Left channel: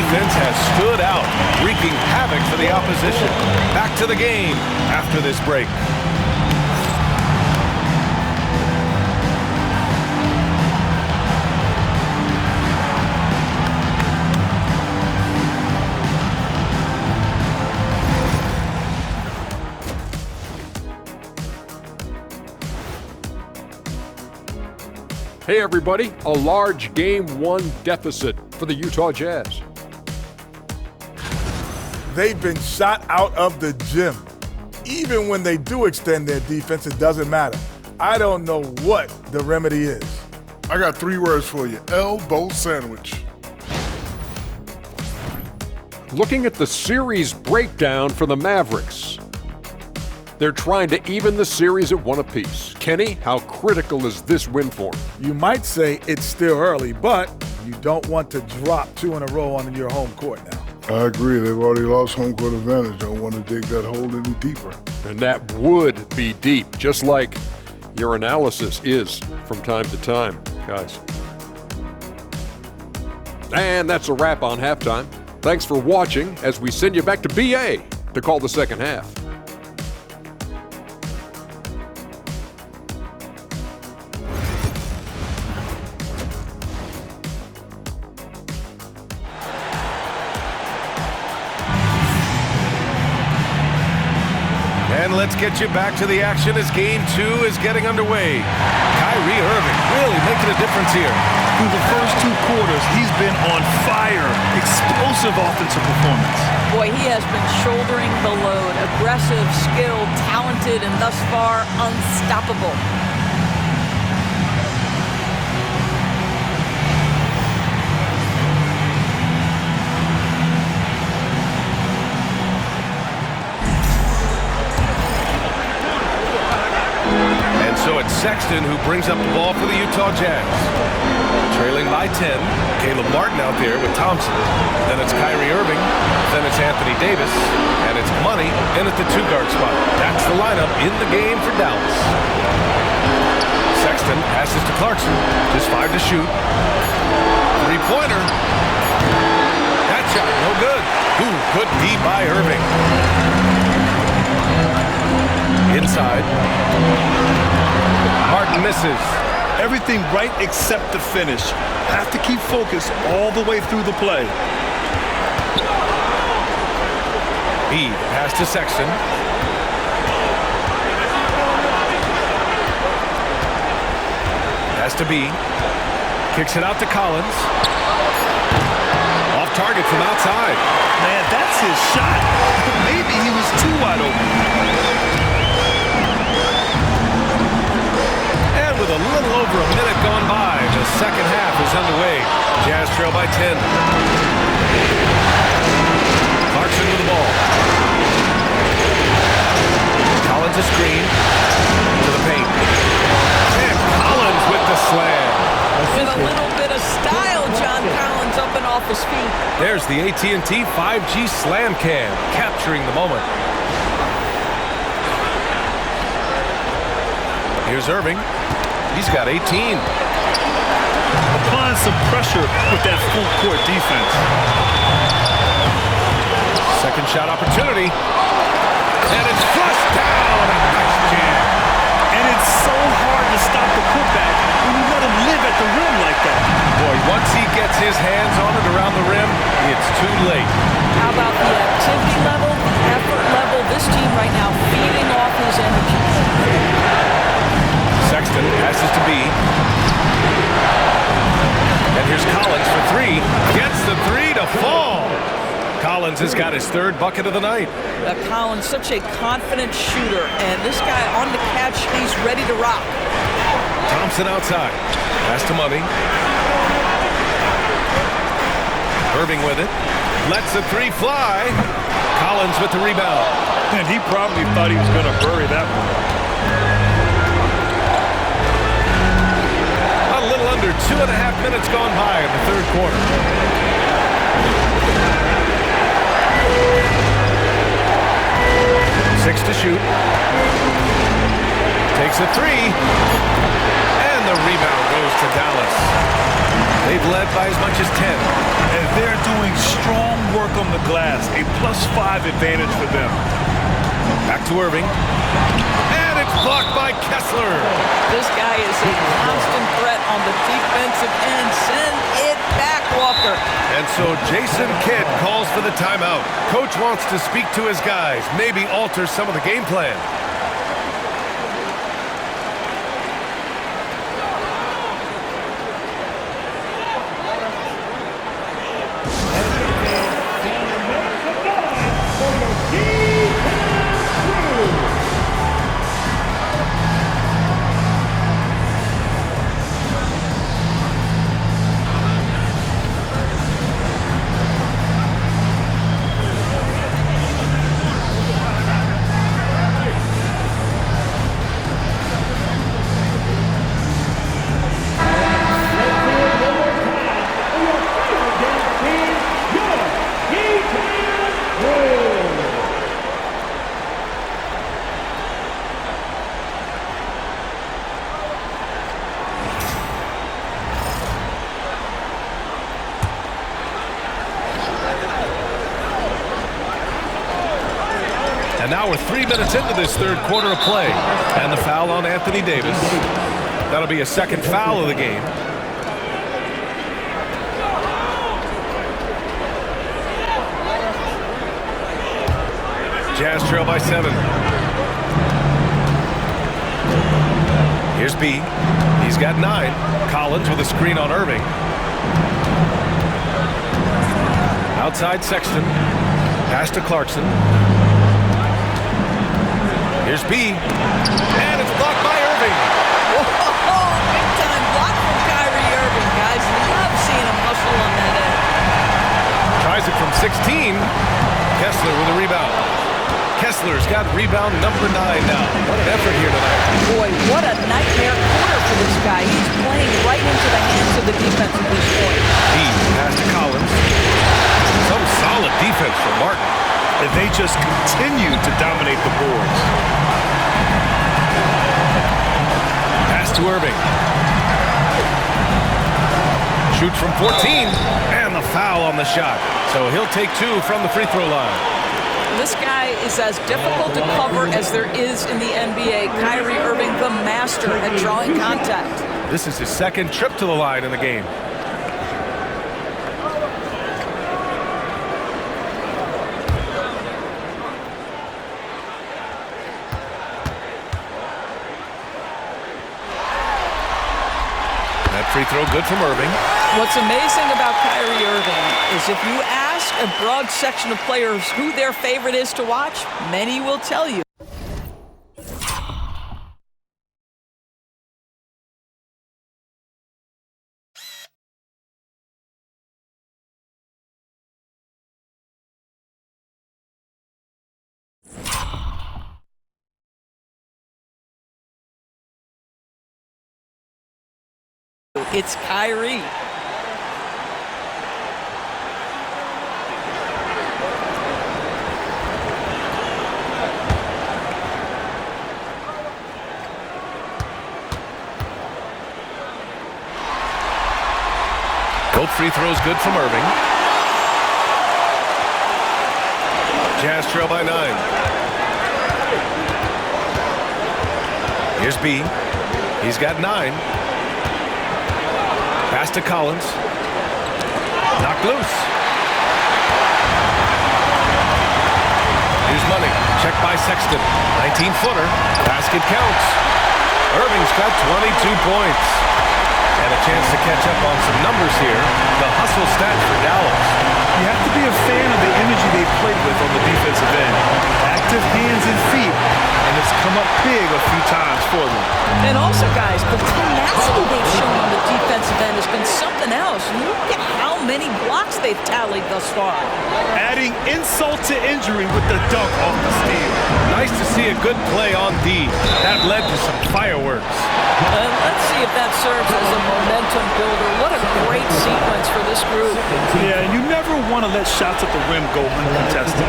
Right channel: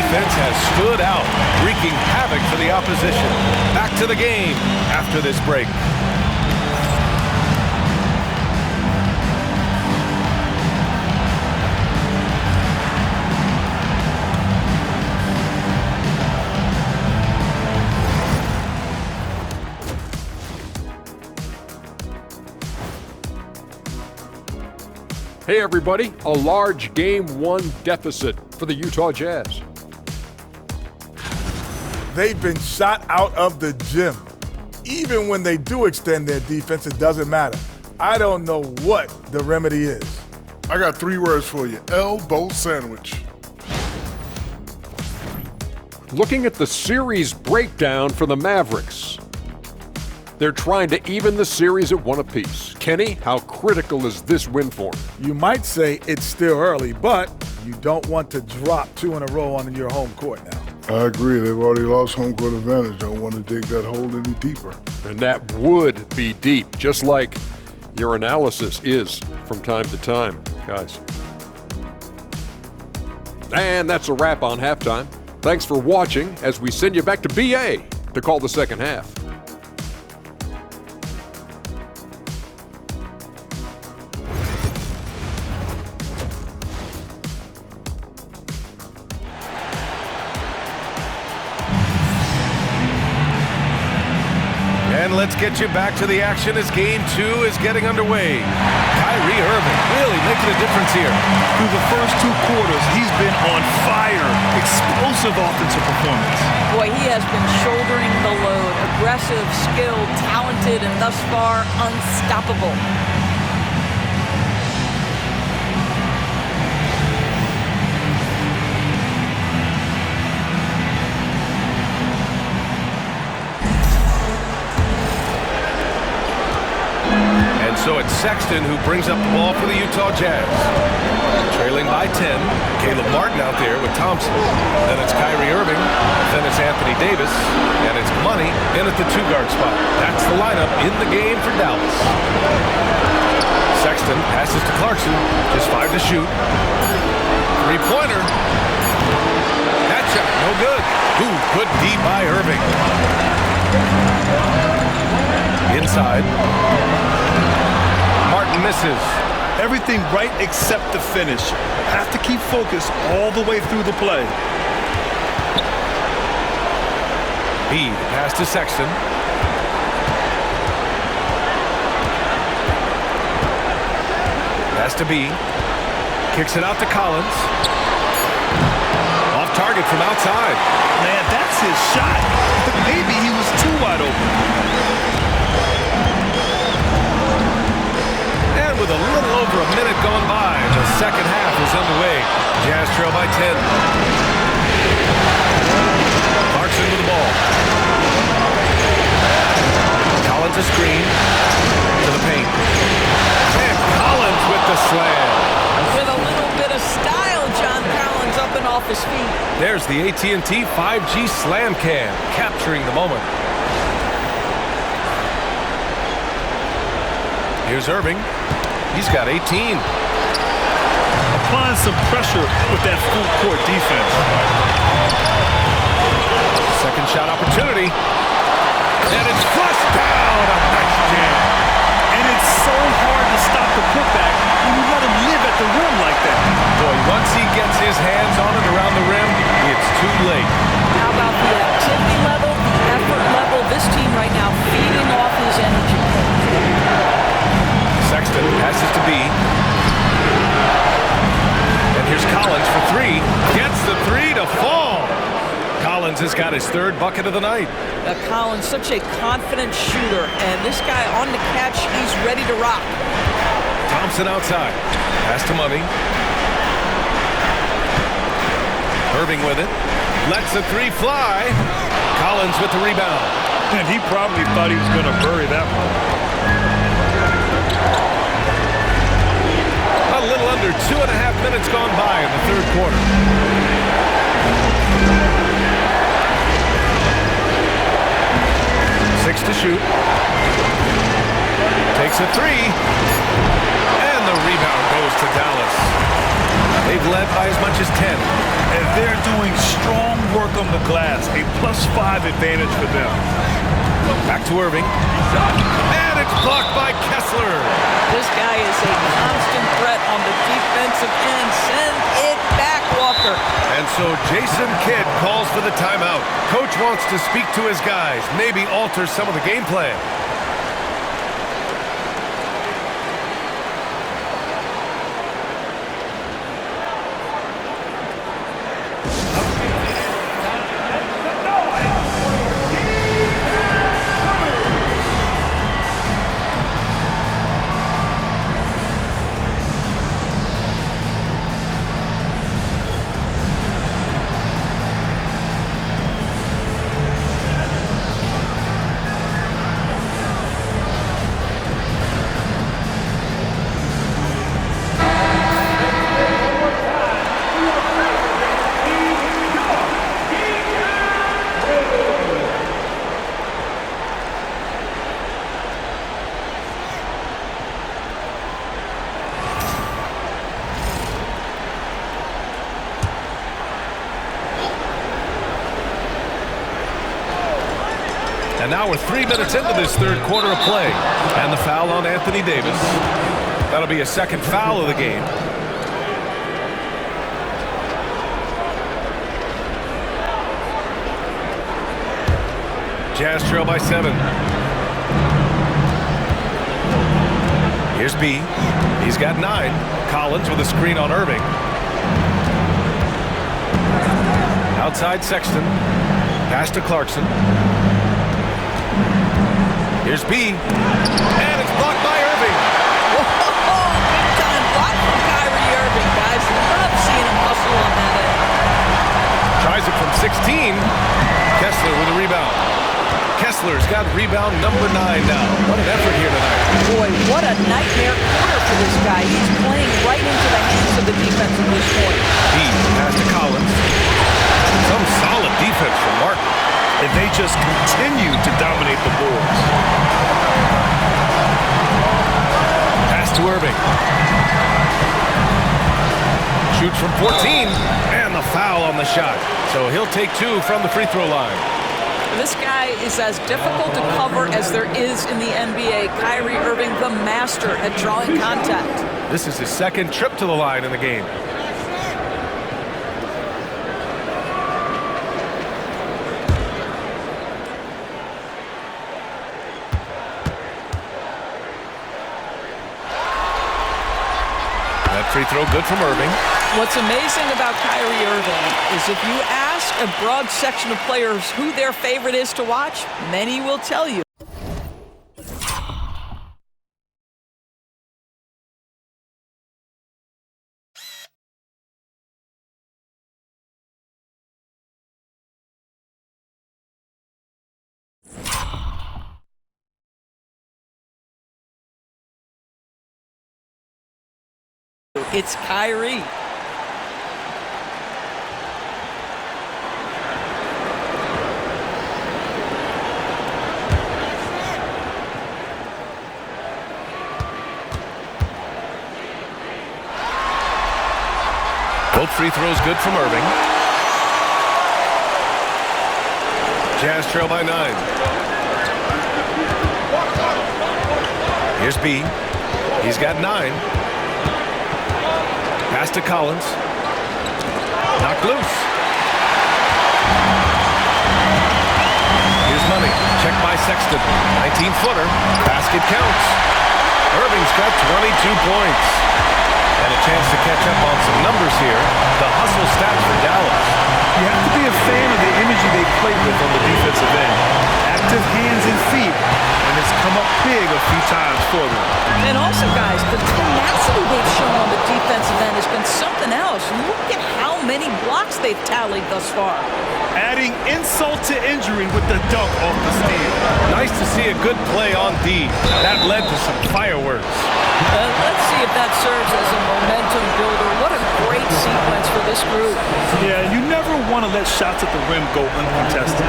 defense has stood out, wreaking havoc for the opposition. Back to the game after this break. Hey everybody, a large Game 1 deficit for the Utah Jazz. They've been shot out of the gym. Even when they do extend their defense, it doesn't matter. I don't know what the remedy is. I got 3 words for you. Elbow sandwich. Looking at the series breakdown for the Mavericks. They're trying to even the series at 1 apiece. Kenny, how critical is this win for them? You might say it's still early, but you don't want to drop 2 in a row on your home court now. I agree. They've already lost home court advantage. Don't want to dig that hole any deeper. And that would be deep, just like your analysis is from time to time, guys. And that's a wrap on halftime. Thanks for watching as we send you back to BA to call the second half. And let's get you back to the action as Game 2 is getting underway. Kyrie Irving really making a difference here. Through the first 2 quarters, he's been on fire. Explosive offensive performance. Boy, he has been shouldering the load. Aggressive, skilled, talented, and thus far, unstoppable. So it's Sexton who brings up the ball for the Utah Jazz. Trailing by 10, Caleb Martin out there with Thompson. Then it's Kyrie Irving, then it's Anthony Davis, and it's Money in at the 2-guard spot. That's the lineup in the game for Dallas. Sexton passes to Clarkson, just 5 to shoot. 3-pointer. That shot, no good. Ooh, good D by Irving. Inside. Martin misses. Everything right except the finish. Have to keep focus all the way through the play. B, pass to Sexton. Pass to B. Kicks it out to Collins. Off target from outside. Man, that's his shot. Maybe he was too wide open. With a little over a minute gone by, the second half is underway. Jazz trail by 10. Clarkson with the ball. Collins a screen to the paint. And Collins with the slam. With a little bit of style, John Collins up and off his feet. There's the AT&T 5G Slam Cam, capturing the moment. Here's Irving. He's got 18. Applying some pressure with that full-court defense. Second shot opportunity. And it's flushed down. A nice jam. And it's so hard to stop the putback when you let him live at the rim like that. Boy, once he gets his hands on it around the rim, it's too late. How about the activity level, the effort level? This team right now feeding off his energy. Sexton passes to B. And here's Collins for 3. Gets the 3 to fall. Collins has got his 3rd bucket of the night. Collins, such a confident shooter. And this guy on the catch, he's ready to rock. Thompson outside. Pass to Money. Irving with it. Lets the 3 fly. Collins with the rebound. And he probably thought he was going to bury that one. A little under 2.5 minutes gone by in the 3rd quarter. Six to shoot. Takes a 3. And the rebound goes to Dallas. They've led by as much as 10. And they're doing strong work on the glass. A +5 advantage for them. Back to Irving. And it's blocked by Kessler. This guy is a constant threat on the defensive end. Send it back, Walker. And so Jason Kidd calls for the timeout. Coach wants to speak to his guys, maybe alter some of the game plan. And now we're 3 minutes into this third quarter of play. And the foul on Anthony Davis. That'll be a second foul of the game. Jazz trail by 7. Here's B. He's got 9. Collins with a screen on Irving. Outside Sexton. Pass to Clarkson. Here's B. And it's blocked by Irving. Whoa, big time block from Kyrie Irving. Guys, love seeing him hustle on that end. Tries it from 16. Kessler with a rebound. Kessler's got rebound number 9 now. What an effort here tonight. Boy, what a nightmare quarter for this guy. He's playing right into the hands of the defense at this point. B. Pass to Collins. Some solid defense from Martin. And they just continue to dominate the boards. Pass to Irving. Shoots from 14. And the foul on the shot. So he'll take 2 from the free throw line. This guy is as difficult to cover as there is in the NBA. Kyrie Irving, the master at drawing contact. This is his second trip to the line in the game. That free throw good from Irving. What's amazing about Kyrie Irving is if you ask a broad section of players who their favorite is to watch, many will tell you. It's Kyrie. Both free throws good from Irving. Jazz trail by 9. Here's B. He's got 9. Pass to Collins. Knocked loose. Here's Money. Check by Sexton. 19-footer. Basket counts. Irving's got 22 points. And a chance to catch up on some numbers here. The hustle stats for Dallas. You have to be a fan of the energy they played with on the defensive end. Active hands and feet, and it's come up big a few times for them. And also, guys, the tenacity they've shown on the defensive end has been something else. Look at how many blocks they've tallied thus far. Adding insult to injury with the dunk off the steal. Nice to see a good play on D. That led to some fireworks. Let's see if that serves as a momentum builder. What a great sequence for this group. Yeah, and you never want to let shots at the rim go uncontested.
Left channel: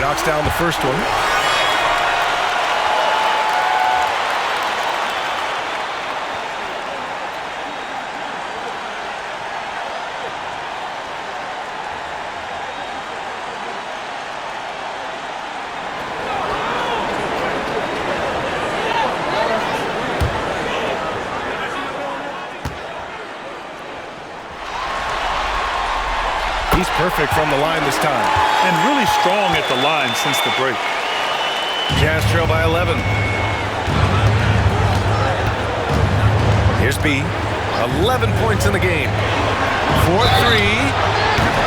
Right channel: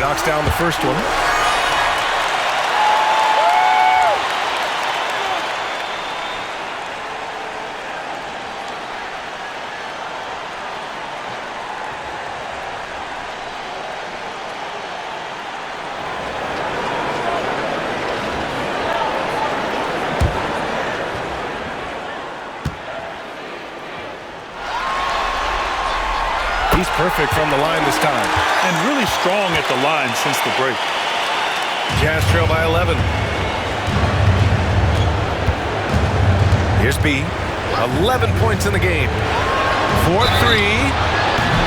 he knocks down the first one. He's perfect from the line this time. And really strong at the line since the break. Jazz trail by 11. Here's B. 11 points in the game. 4-3.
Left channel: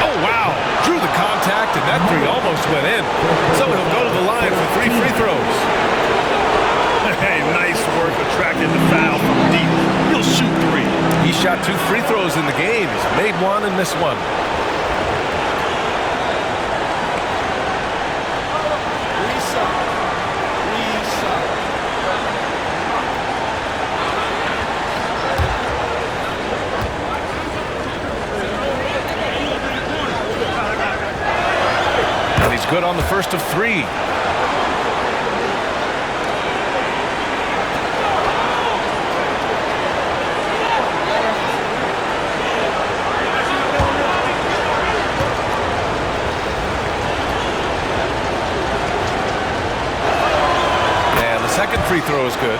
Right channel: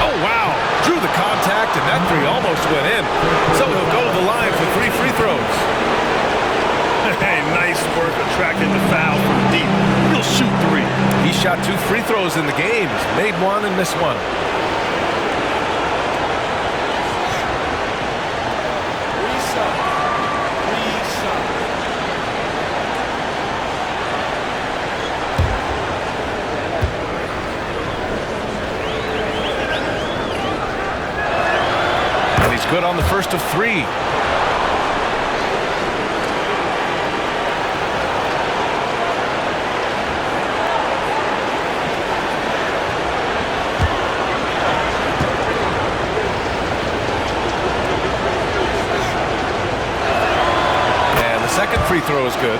Oh, wow. Drew the contact, and that three almost went in. So he'll go to the line for 3 free throws. Hey, nice work attracting the foul from deep. He'll shoot 3. He shot 2 free throws in the game. He's made 1 and missed 1. He's good on the first of 3. And the second free throw is good.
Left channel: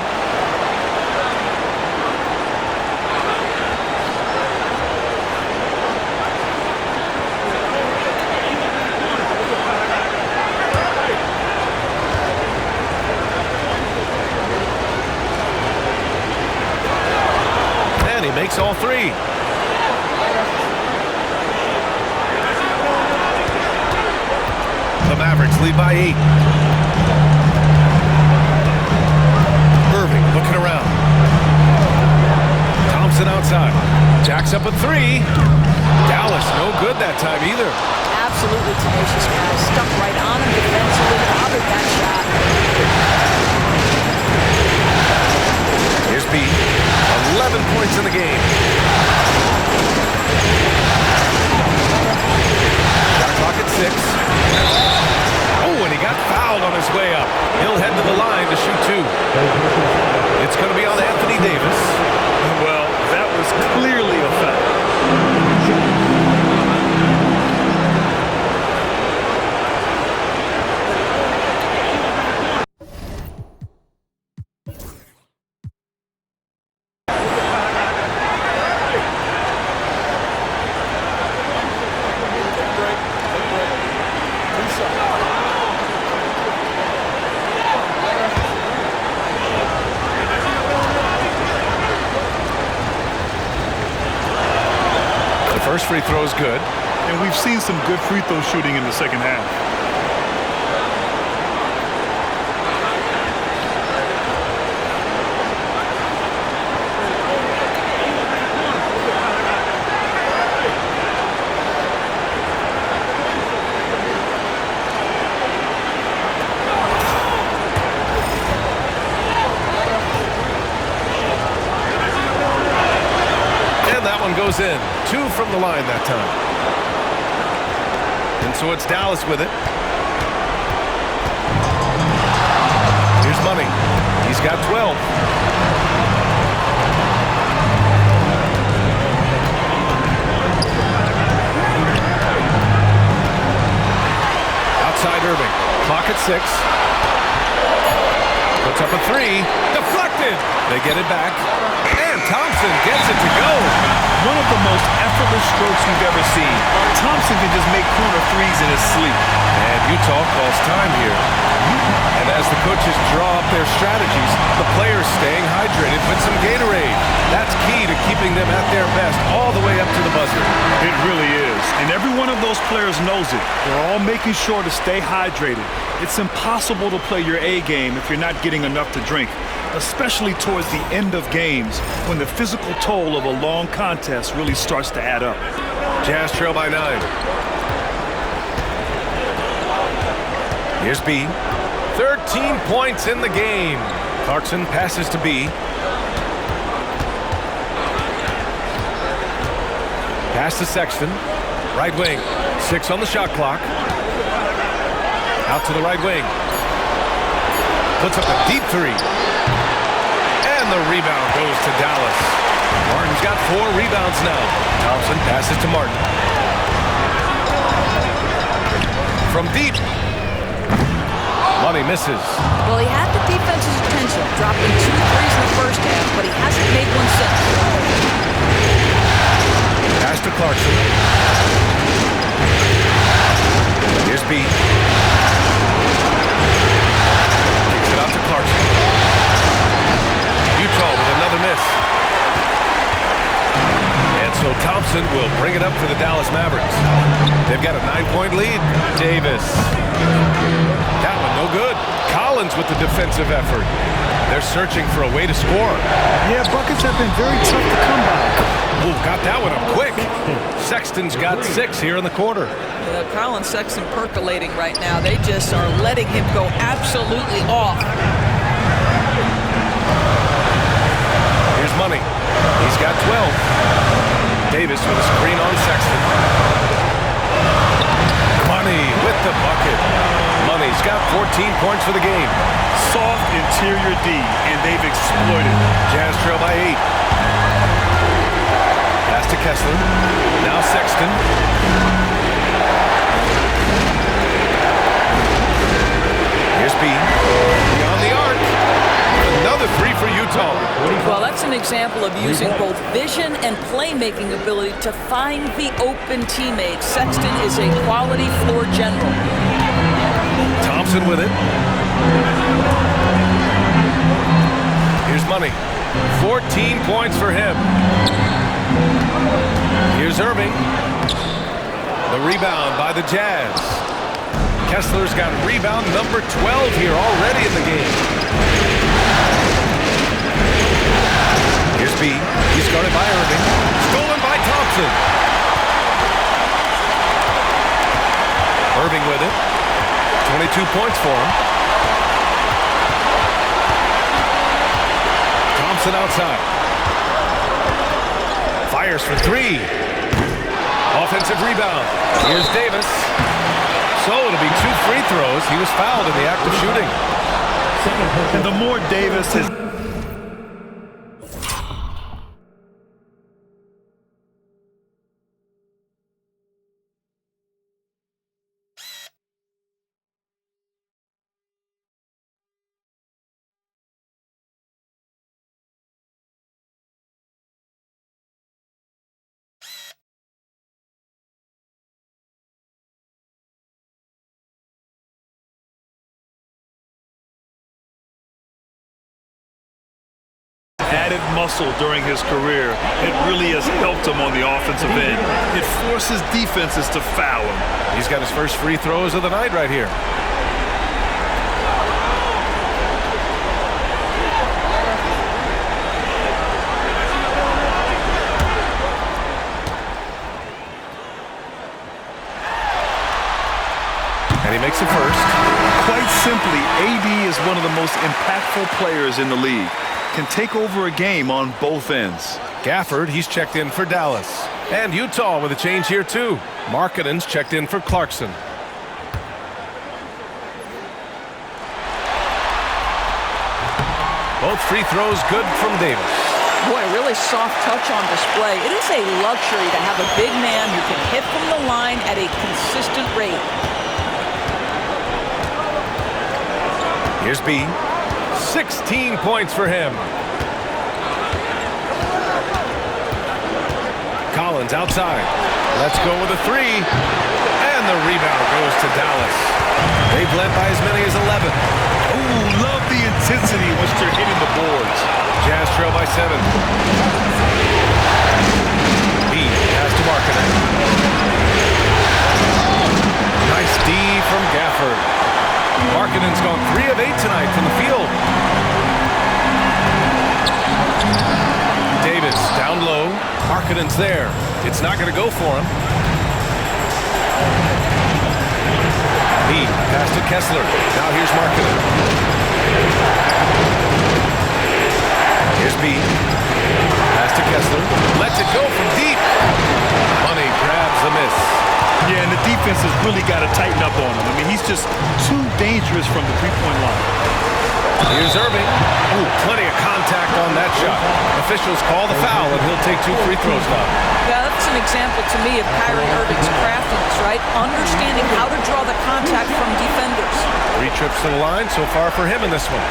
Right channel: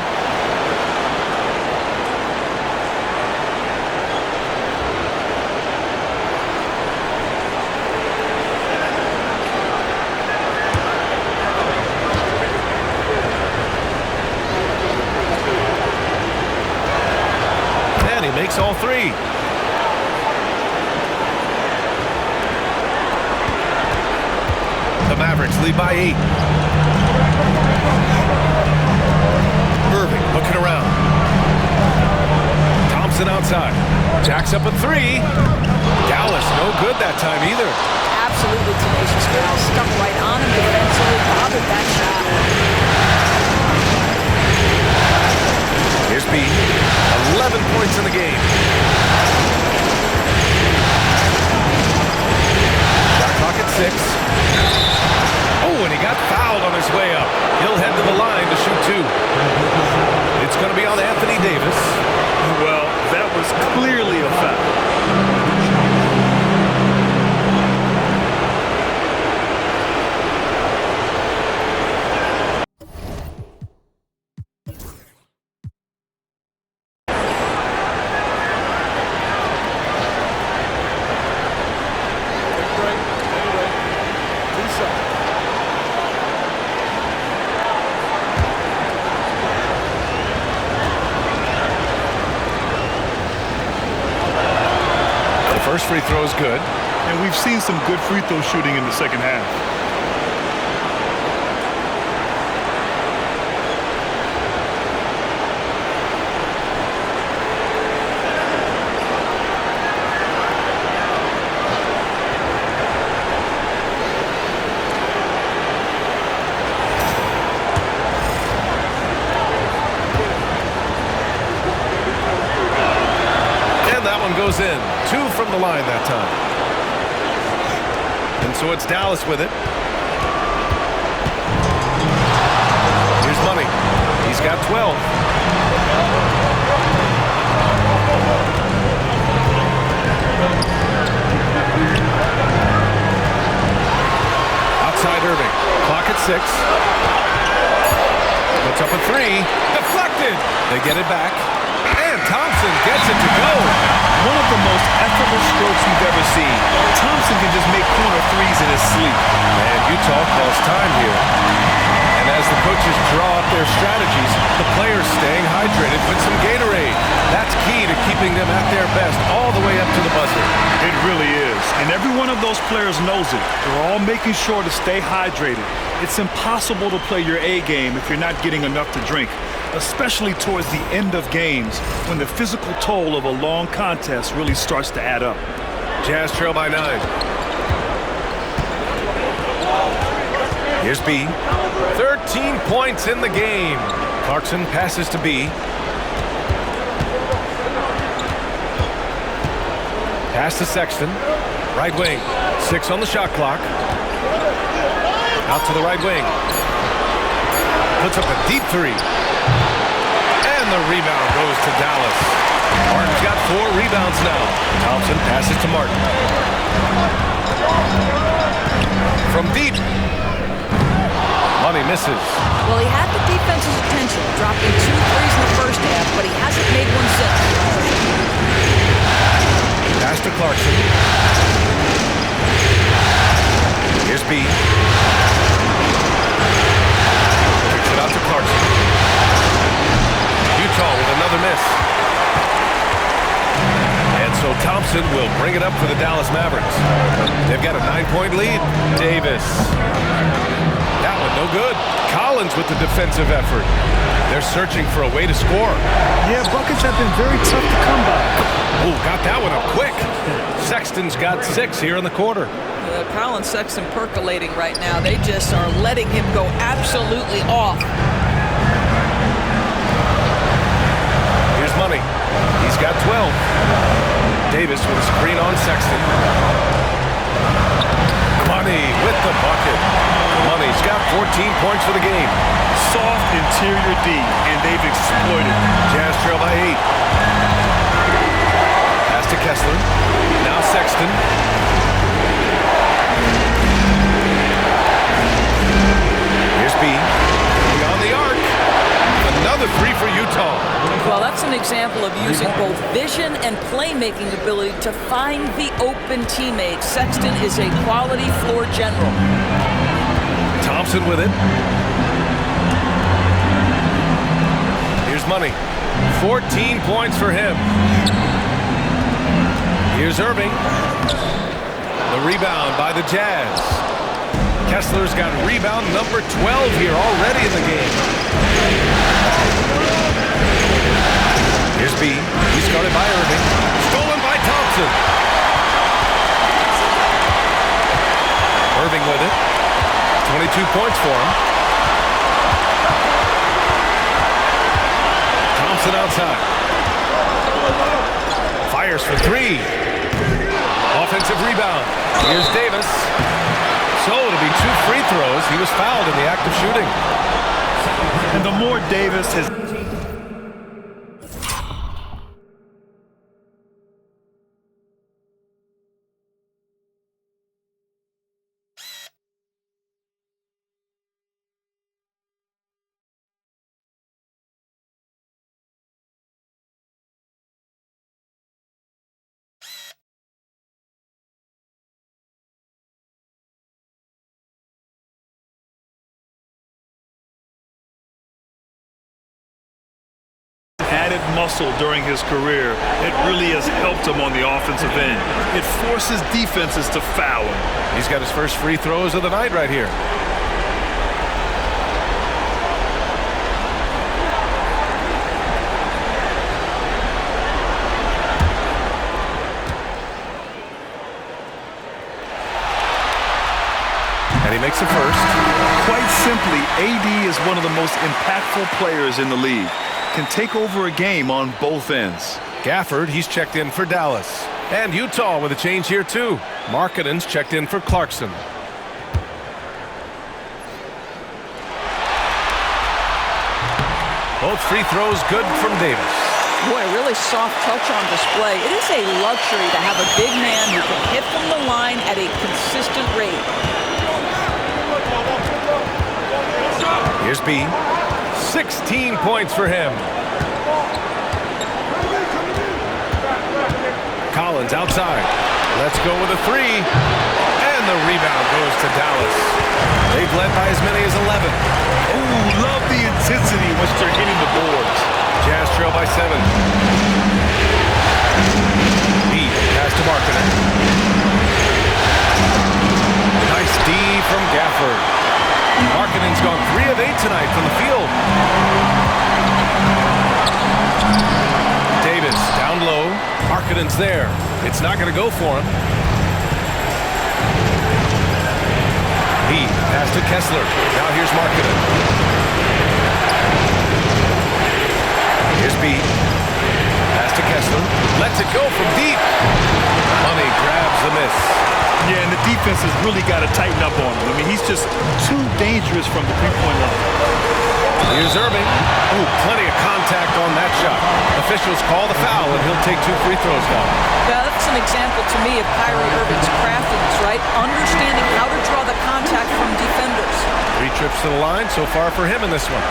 He makes all 3. The Mavericks lead by 8. Irving looking around. Thompson outside. Jacks up a 3. Dallas no good that time either. Absolutely tenacious guys. Stuck right on him defensively. Bothered that shot. Here's B. 11 points in the game. Shot clock at 6. Oh, and he got fouled on his way up. He'll head to the line to shoot 2. It's going to be on Anthony Davis. Well, that was clearly a foul. First free throw is good. And we've seen some good free throw shooting in the second half. That one goes in. 2 from the line that time. And so it's Dallas with it. Here's Money. He's got 12. Outside Irving. Clock at 6. Puts up a 3. Deflected. They get it back. And Thompson gets it to go. One of the most effortless strokes we've ever seen. Thompson can just make corner 3s in his sleep. And Utah calls time here. And as the coaches draw up their strategies, the players staying hydrated with some Gatorade. That's key to keeping them at their best all the way up to the buzzer. It really is. And every one of those players knows it. They're all making sure to stay hydrated. It's impossible to play your A game if you're not getting enough to drink, especially towards the end of games when the physical toll of a long contest really starts to add up. Jazz trail by 9. Here's B. 13 points in the game. Clarkson passes to B. Pass to Sexton. Right wing. 6 on the shot clock. Out to the right wing. Puts up a deep three. And the rebound goes to Dallas. Martin's got 4 rebounds now. Thompson passes to Martin. From deep. Money misses. Well, he had the defense's attention, dropping 2 threes in the first half, but he hasn't made one since. Pass to Clarkson. Here's B. Kicks it out to Clarkson. Utah with another miss. And so Thompson will bring it up for the Dallas Mavericks. They've got a 9-point lead. Davis. That one no good. Collins with the defensive effort. They're searching for a way to score. Yeah, buckets have been very tough to come by. Oh, got that one up quick. Sexton's got 6 here in the quarter. Collins, Sexton percolating right now. They just are letting him go absolutely off. Here's Money. He's got 12. Davis with a screen on Sexton. Money with the bucket. Money's got 14 points for the game. Soft interior D, and they've exploited it. Jazz trail by 8. Pass to Kessler. Now Sexton. Here's B. Beyond the arc. Another 3 for Utah. Well, that's an example of using both vision and playmaking ability to find the open teammates. Sexton is a quality floor general. Thompson with it. Here's Money. 14 points for him. Here's Irving. The rebound by the Jazz. Kessler's got rebound number 12 here already in the game. Here's B. He's guarded by Irving. Stolen by Thompson. Irving with it. 22 points for him. Thompson outside. Fires for 3. Offensive rebound. Here's Davis. So it'll be 2 free throws. He was fouled in the act of shooting. And the more Davis has... added muscle during his career, it really has helped him on the offensive end. It forces defenses to foul him. He's got his first free throws of the night right here. And he makes the first. Quite simply, AD is one of the most impactful players in the league. Can take over a game on both ends. Gafford, he's checked in for Dallas. And Utah with a change here too. Markkanen's checked in for Clarkson. Both free throws good from Davis. Boy, really soft touch on display. It is a luxury to have a big man who can hit from the line at a consistent rate. Here's B. 16 points for him. Collins outside. Let's go with a 3. And the rebound goes to Dallas. They've led by as many as 11. Ooh, love the intensity once they're hitting the boards. Jazz trail by 7. B. Pass to Markkanen. Nice D from Gafford. Markkanen's gone 3 of 8 tonight from the field. Davis down low. Markkanen's there. It's not going to go for him. B. Pass to Kessler. Now here's Markkanen. Here's B. Pass to Kessler. Lets it go from deep. Money grabs the miss. Yeah, and the defense has really got to tighten up on him. I mean, he's just too dangerous from the three-point line. Here's Irving. Ooh, plenty of contact on that shot. Officials call the foul, and he'll take 2 free throws now. Yeah, that's an example to me of Kyrie Irving's craftiness, right? Understanding how to draw the contact from defenders. 3 trips to the line so far for him in this one.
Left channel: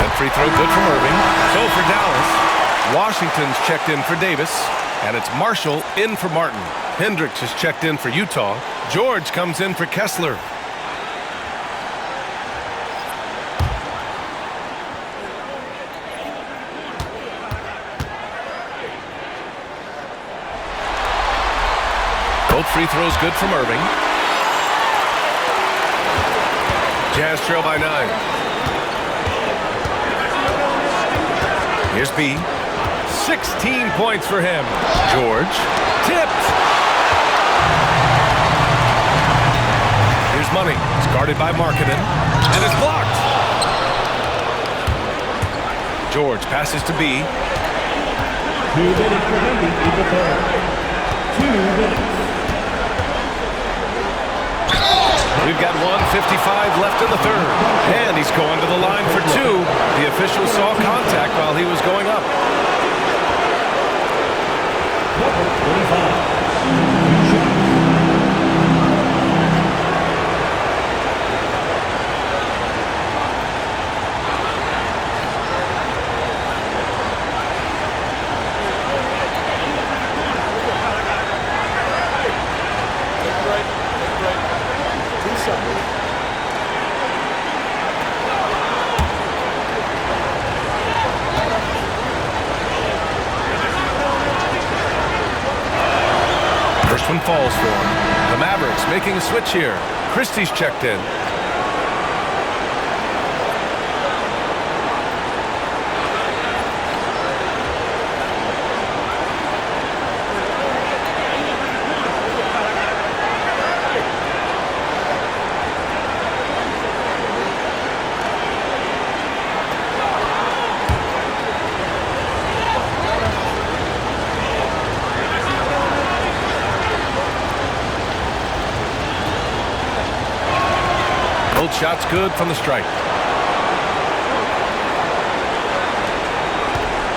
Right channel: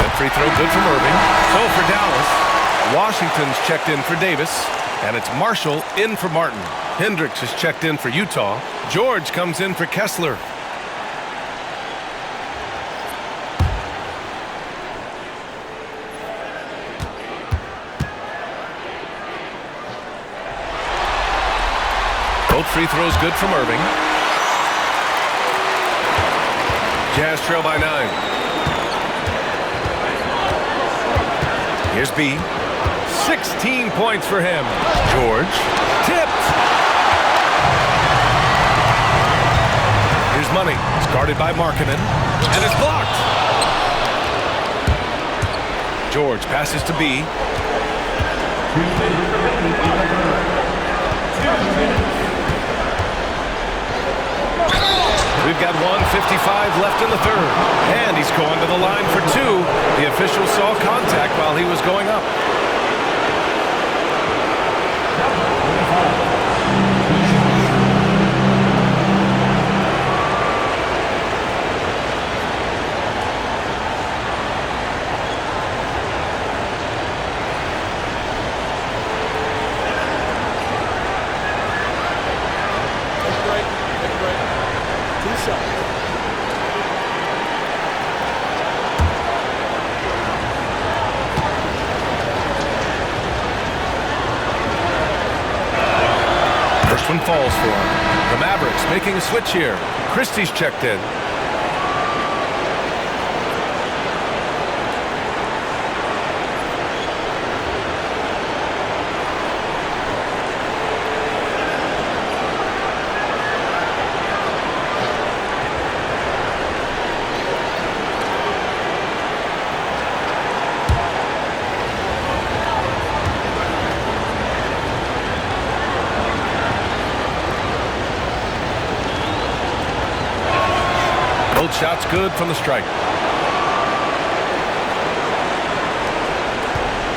That free throw good from Irving. So for Dallas, Washington's checked in for Davis, and it's Marshall in for Martin. Hendricks is checked in for Utah. George comes in for Kessler. Both free throws good from Irving. Jazz trail by 9. Here's B. 16 points for him. George. Tipped. Here's Money. It's guarded by Markkanen. And it's blocked. George passes to B. 2 minutes remaining in the third. 2 minutes. We've got 1:55 left in the third. And he's going to the line for 2. The official saw contact while he was going up. First one falls for him. The Mavericks making a switch here. Christie's checked in. Both shots good from the stripe.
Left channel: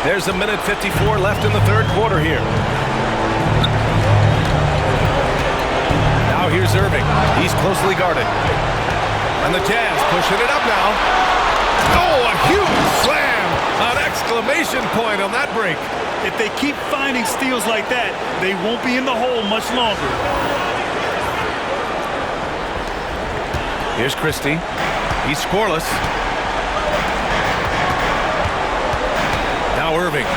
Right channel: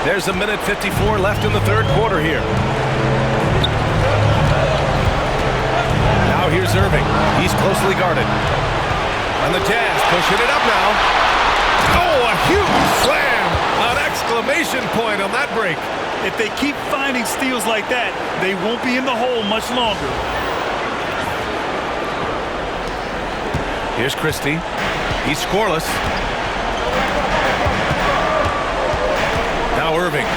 There's 1:54 left in the third quarter here. Now here's Irving. He's closely guarded. And the Jazz pushing it up now. Oh, a huge slam! An exclamation point on that break. If they keep finding steals like that, they won't be in the hole much longer. Here's Christie. He's scoreless. Now Irving.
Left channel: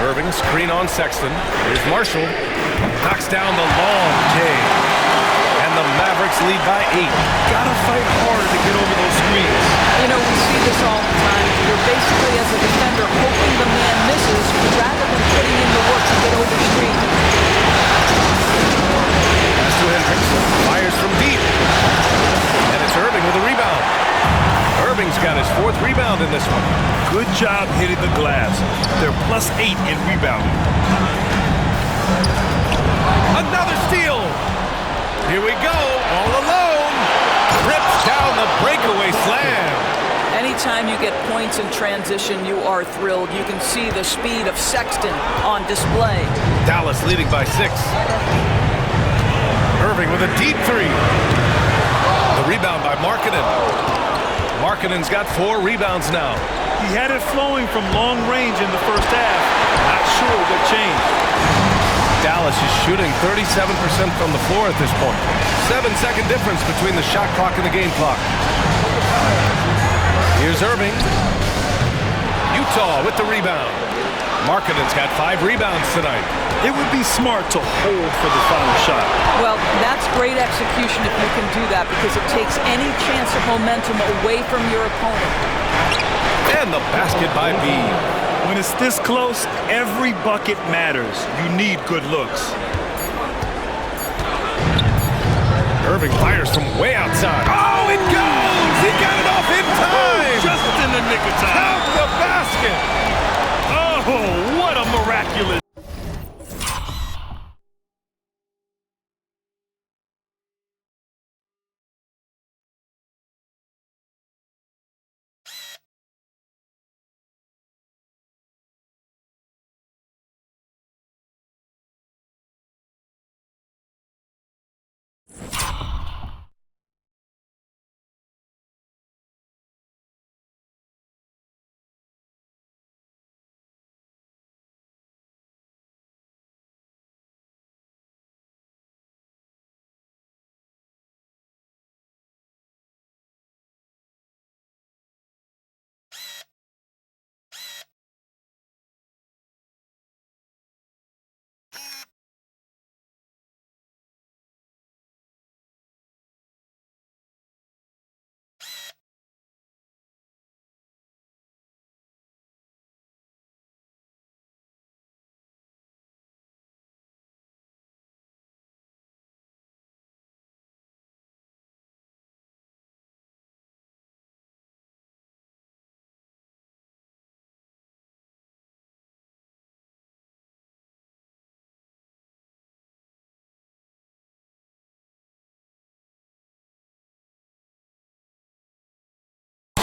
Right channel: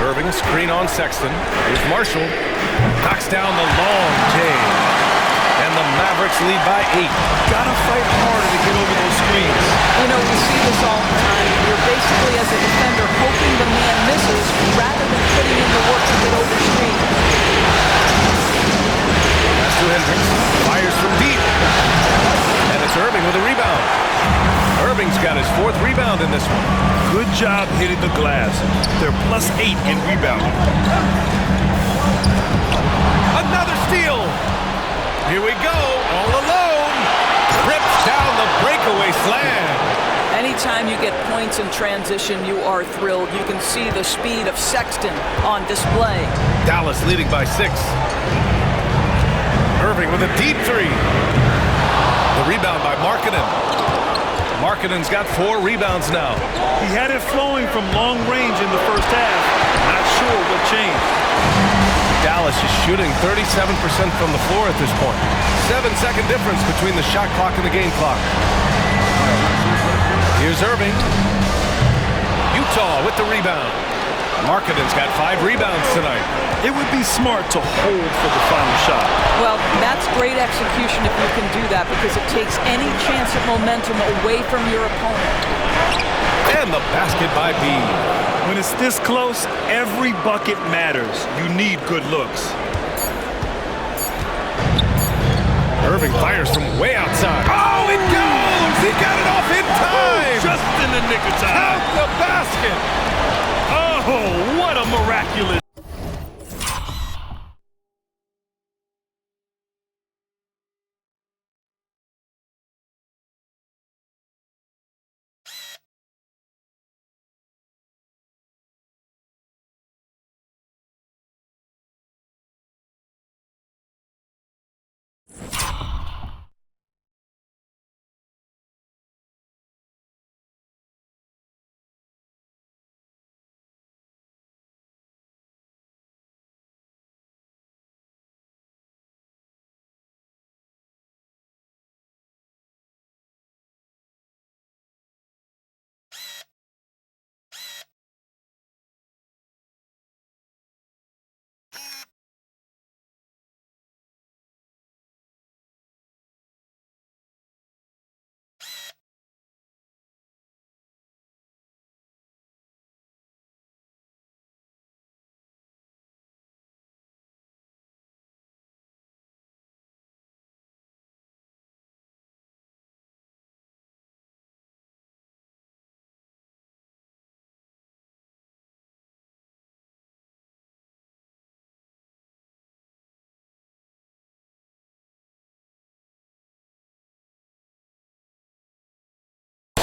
Irving, a screen on Sexton. Here's Marshall. Knocks down the long J. And the Mavericks lead by 8. Gotta fight harder to get over those screens. You know, we see this all the time. You're basically, as a defender, hoping the man misses rather than putting in the work to get over screens. Pass to Hendricks. Fires from deep. And it's Irving with a rebound. Irving's got his 4th rebound in this one. Good job hitting the glass. They're +8 in rebounding. Another steal. Here we go. All alone. Rips down the breakaway slam. Anytime you get points in transition, you are thrilled. You can see the speed of Sexton on display. Dallas leading by 6. Irving with a deep 3. The rebound by Markkanen. Markkanen's got 4 rebounds now. He had it flowing from long range in the first half. Not sure what changed. Dallas is shooting 37% from the floor at this point. 7-second difference between the shot clock and the game clock. Here's Irving. Utah with the rebound. Markkanen's got 5 rebounds tonight. It would be smart to hold for the final shot. Well, that's great execution if you can do that, because it takes any chance of momentum away from your opponent. And the basket by B. When it's this close, every bucket matters. You need good looks. Irving fires from way outside. Oh, it goes! He got it off in time! Just in the nick of time. Count the basket! Oh, what a miraculous.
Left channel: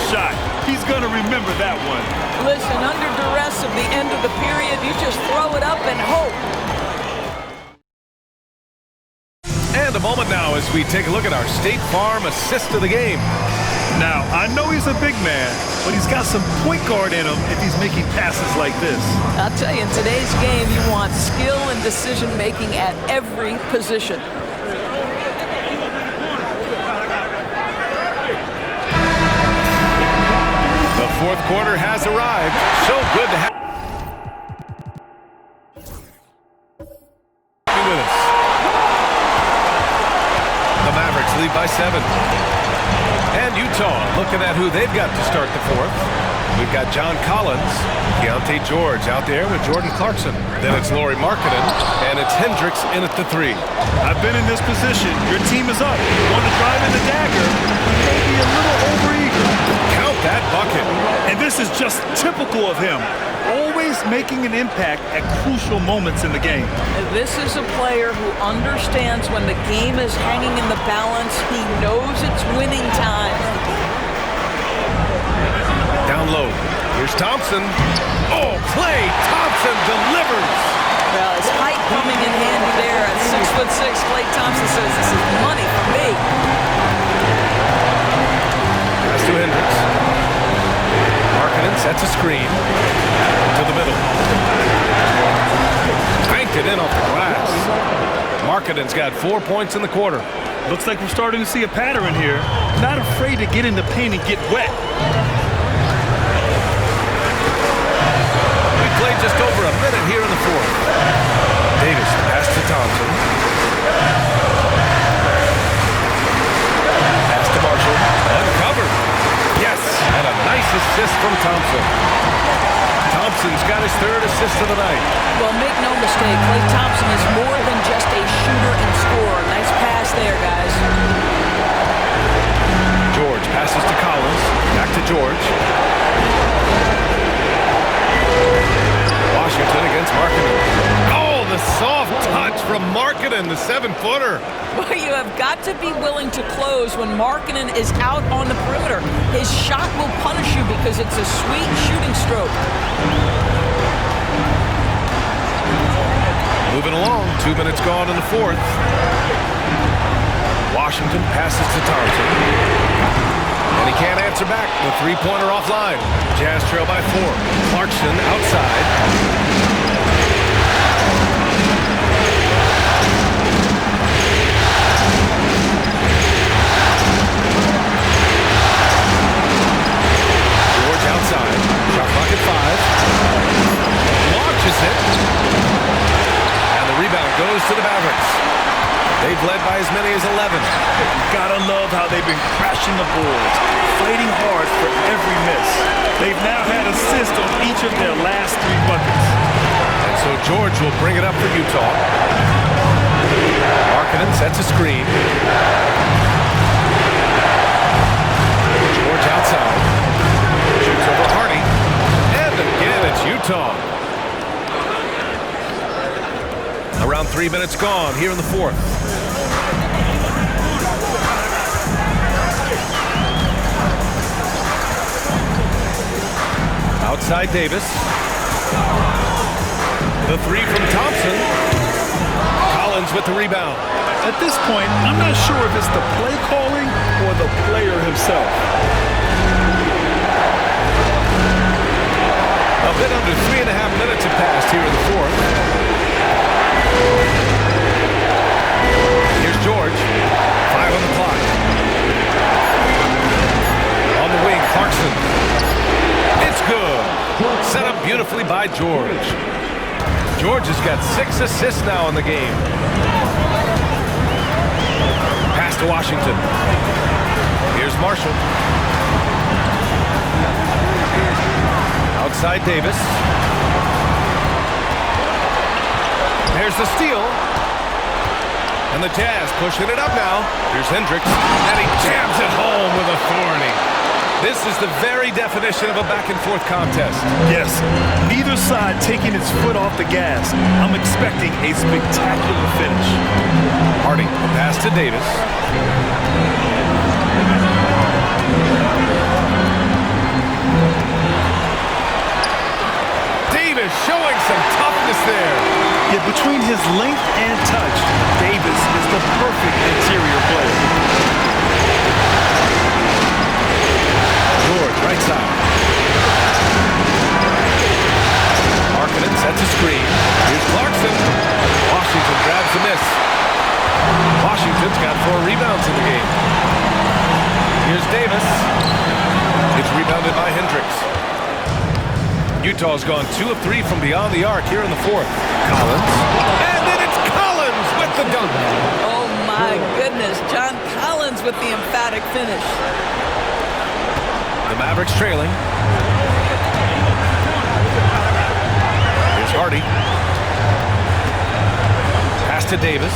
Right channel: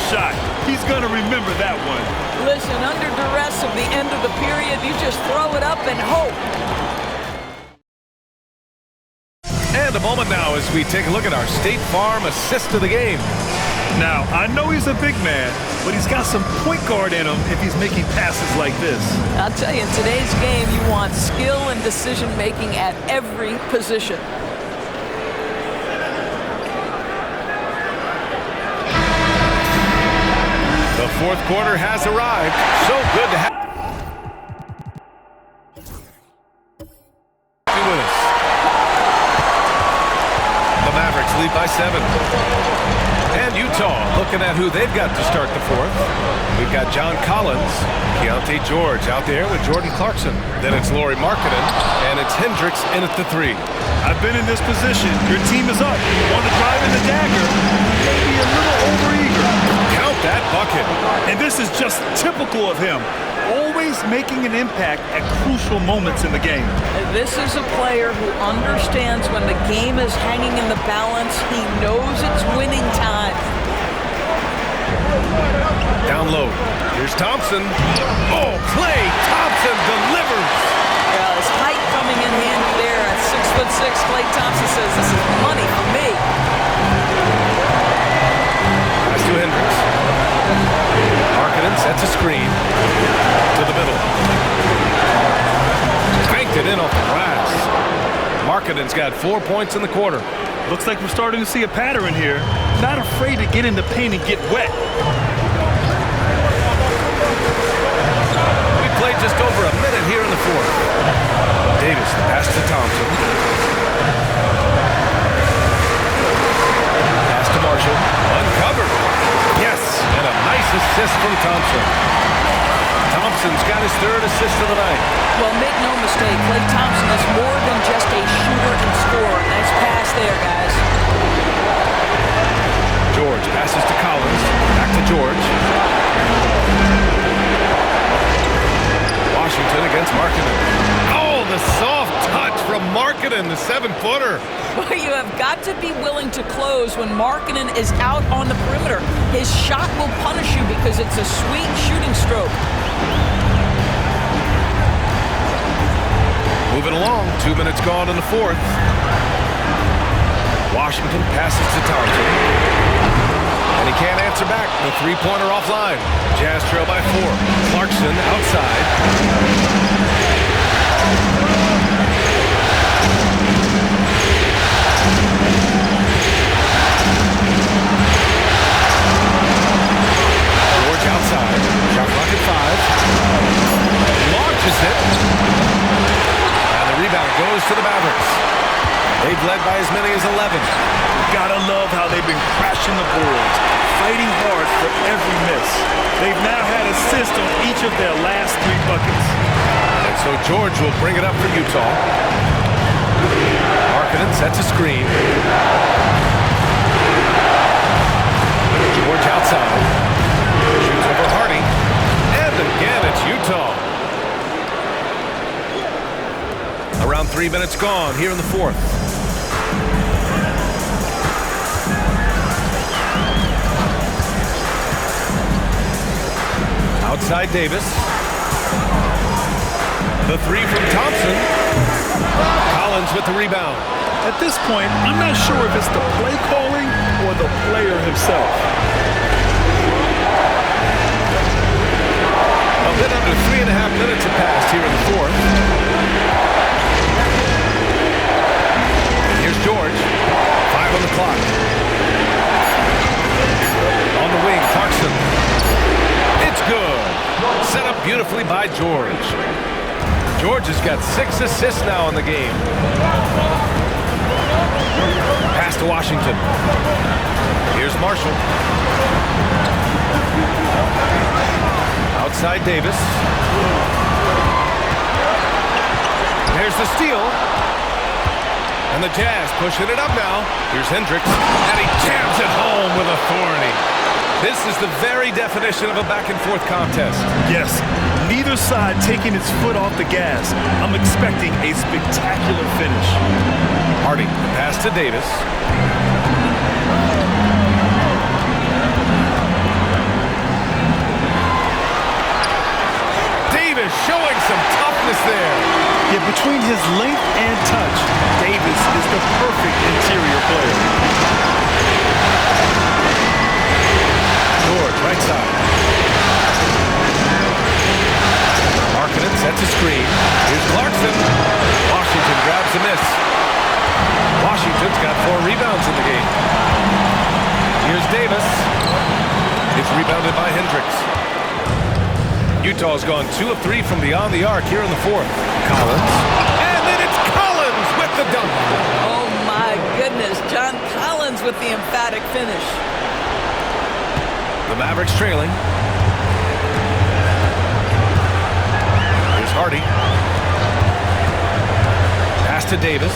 Shot. He's going to remember that one. Listen, under duress of the end of the period, you just throw it up and hope. And a moment now as we take a look at our State Farm assist of the game. Now, I know he's a big man, but he's got some point guard in him if he's making passes like this. I'll tell you, in today's game, you want skill and decision-making at every position. The fourth quarter has arrived. So good to have you with us. The Mavericks lead by 7. And Utah looking at who they've got to start the fourth. We've got John Collins, Keontae George out there with Jordan Clarkson. Then it's Lauri Markkanen, and it's Hendricks in at the 3. I've been in this position. Your team is up. You want to drive in the dagger. You may be a little overeager. Count that bucket. And this is just typical of him. Always making an impact at crucial moments in the game. This is a player who understands when the game is hanging in the balance. He knows it's winning time. Down low. Here's Thompson. Oh, Klay Thompson delivers. Well, his height coming in handy there at 6'6". Klay Thompson says, this is money for me. Pass to Hendricks. Markkanen sets a screen to the middle. Banked it in off the glass. Markkanen's got 4 points in the quarter. Looks like we're starting to see a pattern here. Not afraid to get in the paint and get wet. We played just over a minute here in the fourth. Davis, the pass to Thompson. Pass to Marshall. Uncovered. Yes, and a nice assist from Thompson. Thompson's got his 3rd assist of the night. Well, make no mistake, Klay Thompson is more than just a shooter and scorer. Nice pass there, guys. George passes to Collins. Back to George. Washington against Markkanen. Oh, the soft touch from Markkanen, the 7-footer. Well, you have got to be willing to close when Markkanen is out on the perimeter. His shot will punish you because it's a sweet shooting stroke. Moving along, 2 minutes gone in the fourth. Washington passes to Thompson. And he can't answer back. The 3-pointer offline. Jazz trail by 4. Clarkson outside. Outside. Shot clock at 5. Launches it. And the rebound goes to the Mavericks. They've led by as many as 11. Gotta love how they've been crashing the boards, fighting hard for every miss. They've now had assists on each of their last 3 buckets. And so George will bring it up for Utah. Markkanen sets a screen. George outside. Shoots over Hardy. And again, it's Utah. Around 3 minutes gone here in the fourth. Outside Davis. The three from Thompson. Collins with the rebound. At this point, I'm not sure if it's the play calling or the player himself. A bit under 3.5 minutes have passed here in the fourth. Here's George. 5 on the clock. On the wing, Clarkson. It's good. Set up beautifully by George. George has got 6 assists now in the game. Pass to Washington. Here's Marshall. Outside Davis. There's the steal. And the Jazz pushing it up now. Here's Hendricks. And he jams it home with authority. This is the very definition of a back-and-forth contest. Yes, neither side taking its foot off the gas. I'm expecting a spectacular finish. Hardy, the pass to Davis. Davis showing some toughness there. Yeah, between his length and touch, Davis is the perfect interior player. George, right side. Markkanen sets a screen. Here's Clarkson. Washington grabs the miss. Washington's got 4 rebounds in the game. Here's Davis. It's rebounded by Hendricks. Utah's gone 2 of 3 from beyond the arc here in the fourth. Collins. And then it's Collins with the dunk. Oh, my goodness. John Collins with the emphatic finish. The Mavericks trailing. Here's Hardy. Pass to Davis.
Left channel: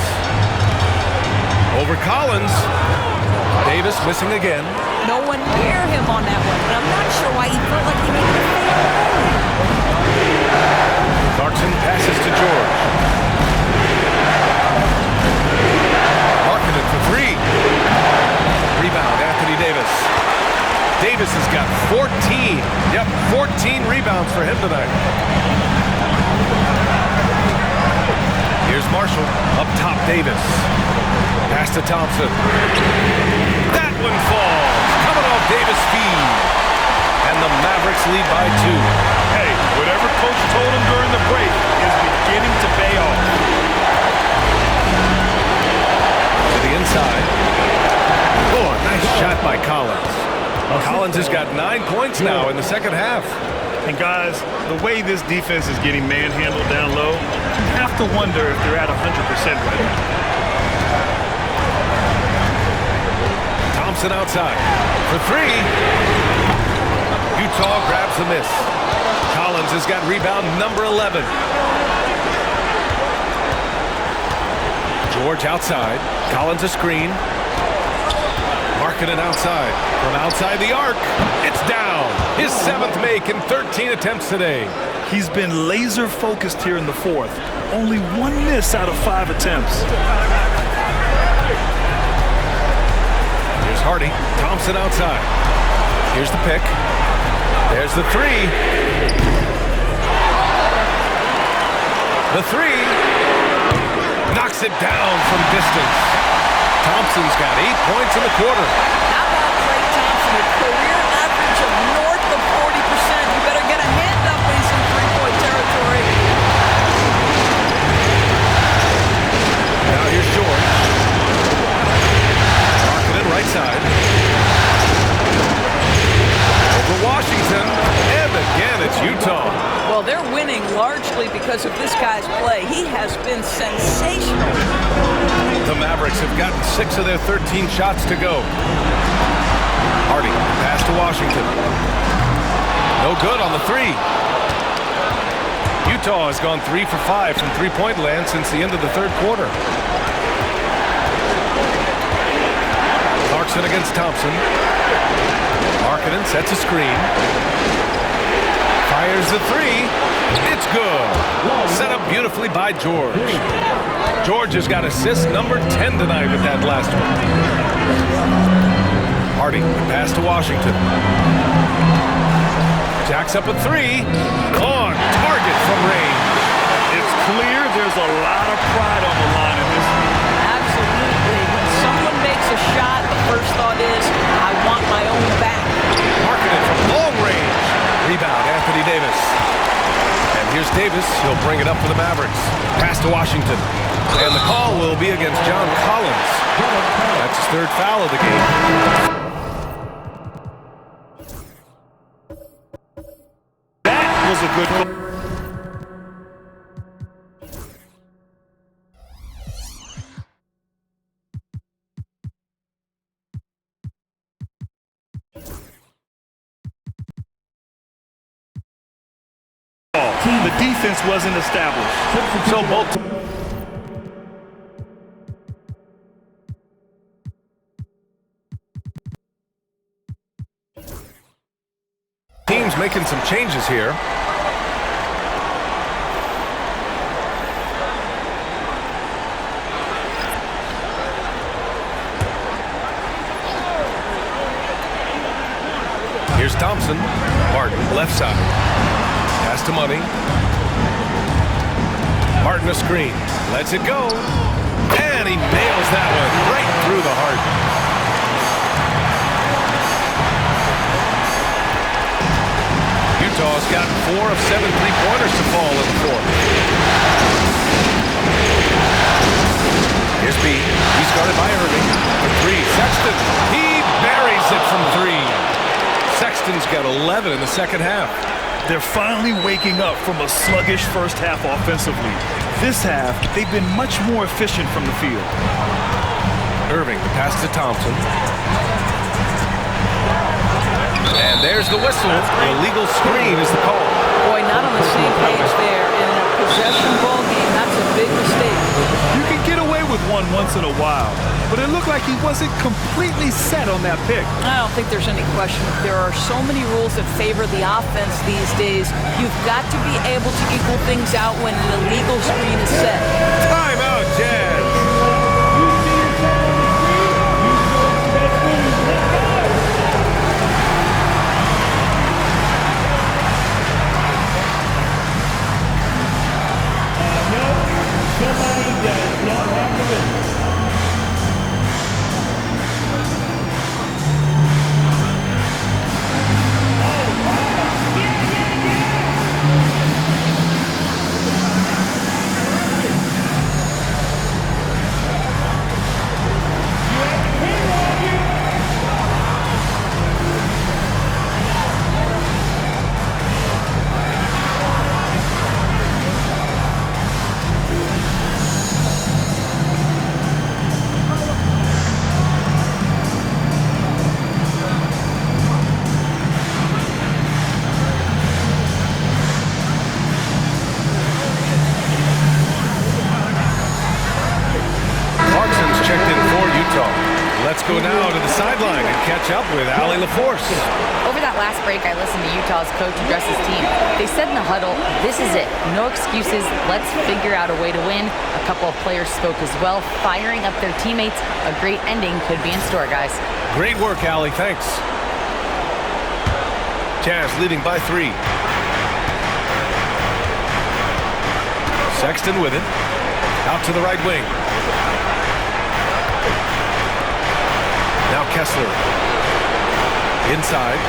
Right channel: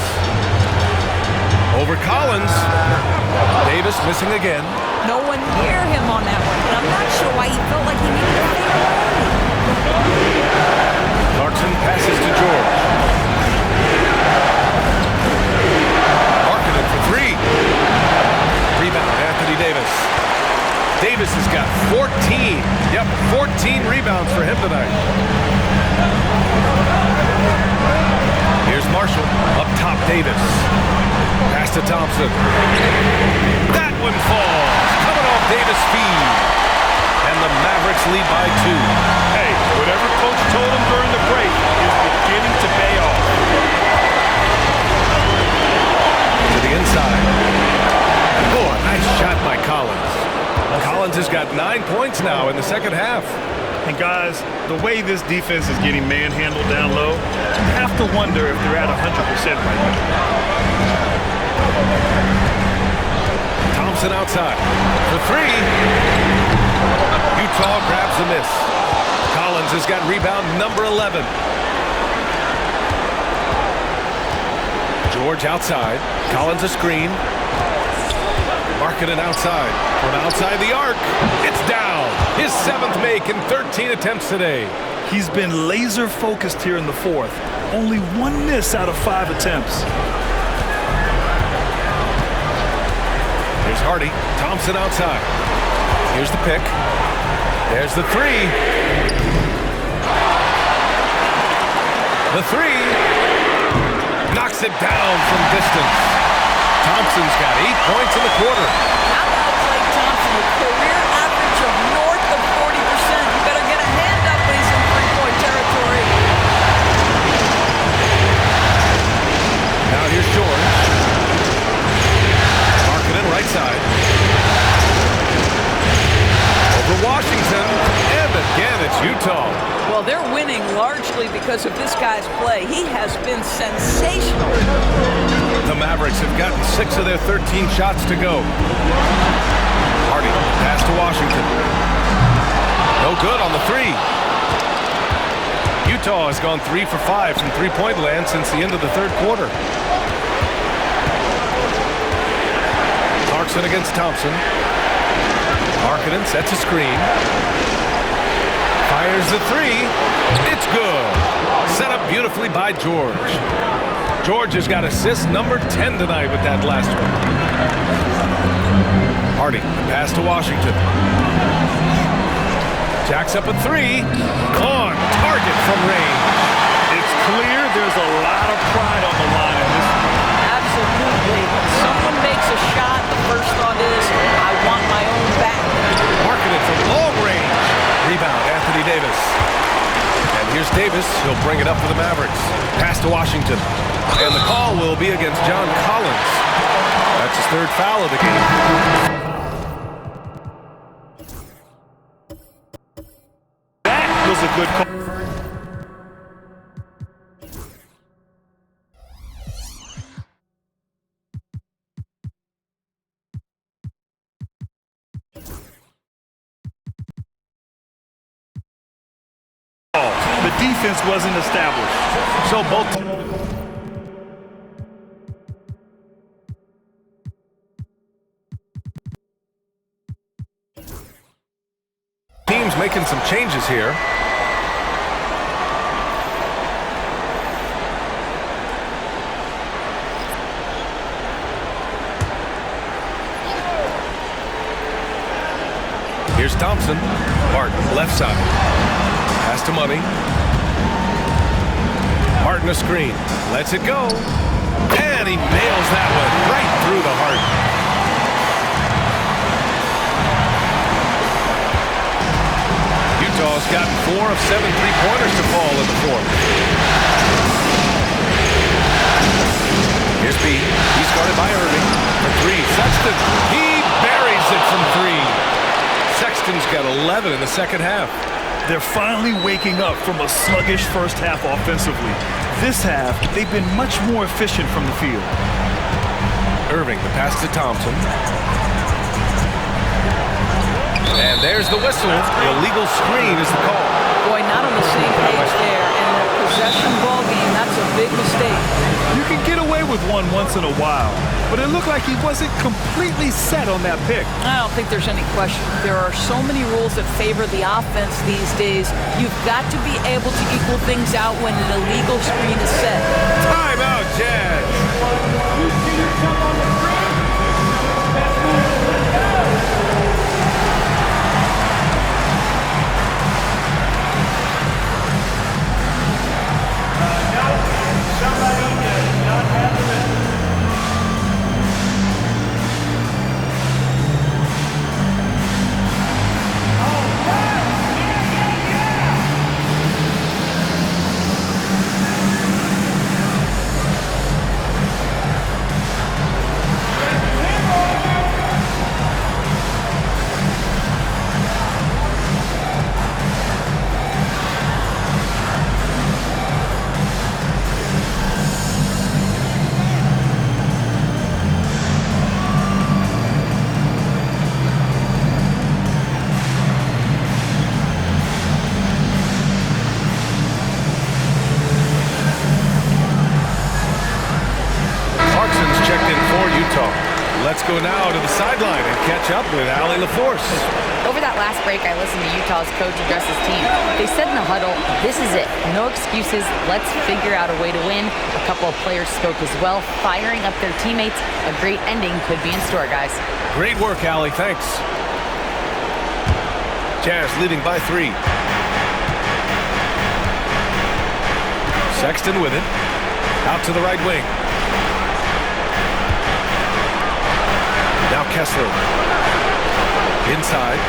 Over Collins. Davis missing again. No one near him on that one, and I'm not sure why he felt like he needed to fade away. Clarkson passes to George. Markkanen for 3. Rebound, Anthony Davis. Davis has got 14. Yep, 14 rebounds for him tonight. Here's Marshall. Up top, Davis. Pass to Thompson. That one falls. Coming off Davis' feed. And the Mavericks lead by 2. Hey, whatever coach told him during the break is beginning to pay off. To the inside. Oh, a nice shot by Collins. Collins has got 9 points now in the second half. And guys, the way this defense is getting manhandled down low, you have to wonder if they're at 100% right now. Thompson outside for 3. Utah grabs the miss. Collins has got rebound number 11. George outside. Collins a screen. Markkanen outside. From outside the arc, it's down. His 7th make in 13 attempts today. He's been laser focused here in the fourth. Only 1 miss out of 5 attempts. Here's Hardy. Thompson outside. Here's the pick. There's the 3. The 3. Knocks it down from distance. Thompson's got 8 points in the quarter. How about Klay Thompson, a career average of north of 40%? You better get a hand up when he's in three-point territory. Now here's George. Markkanen right side. Over Washington. And again, it's Utah. Well, they're winning largely because of this guy's play. He has been sensational. The Mavericks have gotten 6 of their 13 shots to go. Hardy, pass to Washington. No good on the 3. Utah has gone 3 for 5 from three-point land since the end of the third quarter. Clarkson against Thompson. Markkanen sets a screen. Fires the three. It's good. Set up beautifully by George. George has got assist number 10 tonight with that last one. Hardy, pass to Washington. Jacks up a three. On target from range. It's clear there's a lot of pride on the line in this one. Absolutely. When someone makes a shot, the first thought is, I want my own back. Markkanen from long range. Rebound, Anthony Davis. And here's Davis. He'll bring it up for the Mavericks. Pass to Washington. And the call will be against John Collins. That's his third foul of the game. That was a good call. The defense wasn't established. So both teams making some changes here. Here's Thompson. Martin, left side. Pass to Money. Martin a screen. Lets it go. And he nails that one right through the heart. Utah's gotten 4 of 7 3-pointers to fall in the fourth. Here's B. He's guarded by Irving. For three. Sexton. He buries it from three. Sexton's got 11 in the second half. They're finally waking up from a sluggish first half offensively. This half, they've been much more efficient from the field. Irving, the pass to Thompson. And there's the whistle. The illegal screen is the call. Boy, not on the same page there. And in a possession ball game, that's a big mistake. You can get away with one once in a while, but it looked like he wasn't completely set on that pick. I don't think there's any question. There are so many rules that favor the offense these days. You've got to be able to equal things out when an illegal screen is set. Timeout, Jazz. Clarkson's checked in for Utah. Let's go now to the sideline and catch up with Allie LaForce. Over that last break, I listened to Utah's coach address his team. They said in the huddle, this is it. No excuses. Let's figure out a way to win. A couple of players spoke as well, firing up their teammates. A great ending could be in store, guys. Great work, Allie. Thanks. Jazz leading by 3. Sexton with it. Out to the right wing. Now Kessler. Inside.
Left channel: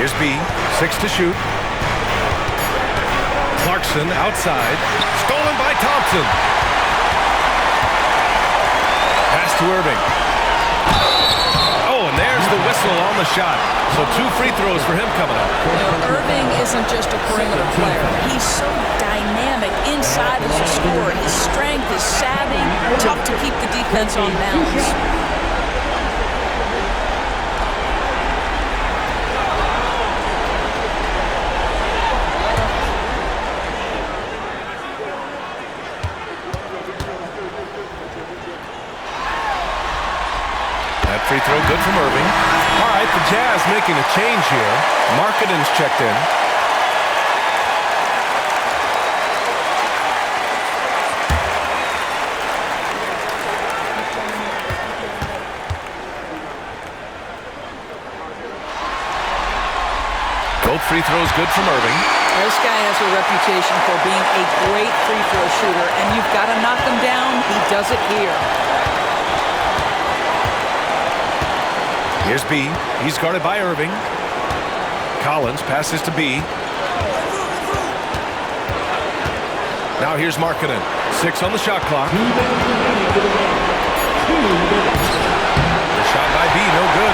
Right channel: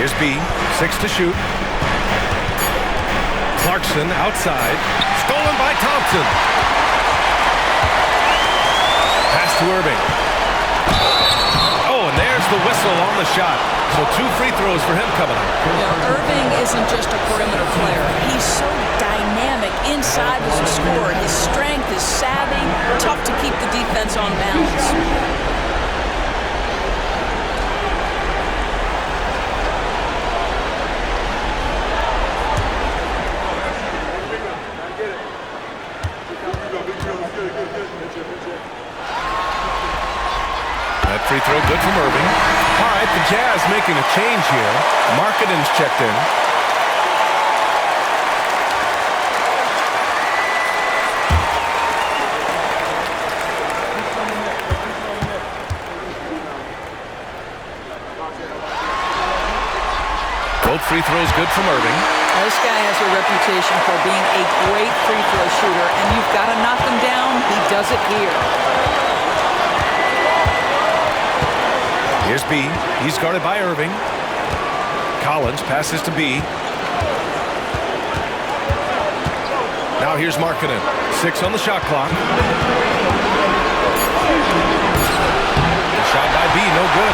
Here's B. 6 to shoot. Clarkson outside. Stolen by Thompson. Pass to Irving. Oh, and there's the whistle on the shot. So 2 free throws for him coming up. You know, Irving isn't just a perimeter player. He's so dynamic inside as a scorer. His strength, his savvy, tough to keep the defense on balance. good from Irving. All right, the Jazz making a change here. Markkanen's checked in. Both free throws good from Irving. This guy has a reputation for being a great free throw shooter, and you've got to knock him down. He does it here. Here's B. He's guarded by Irving. Collins passes to B. Now here's Markkanen. 6 on the shot clock. The shot by B, no good.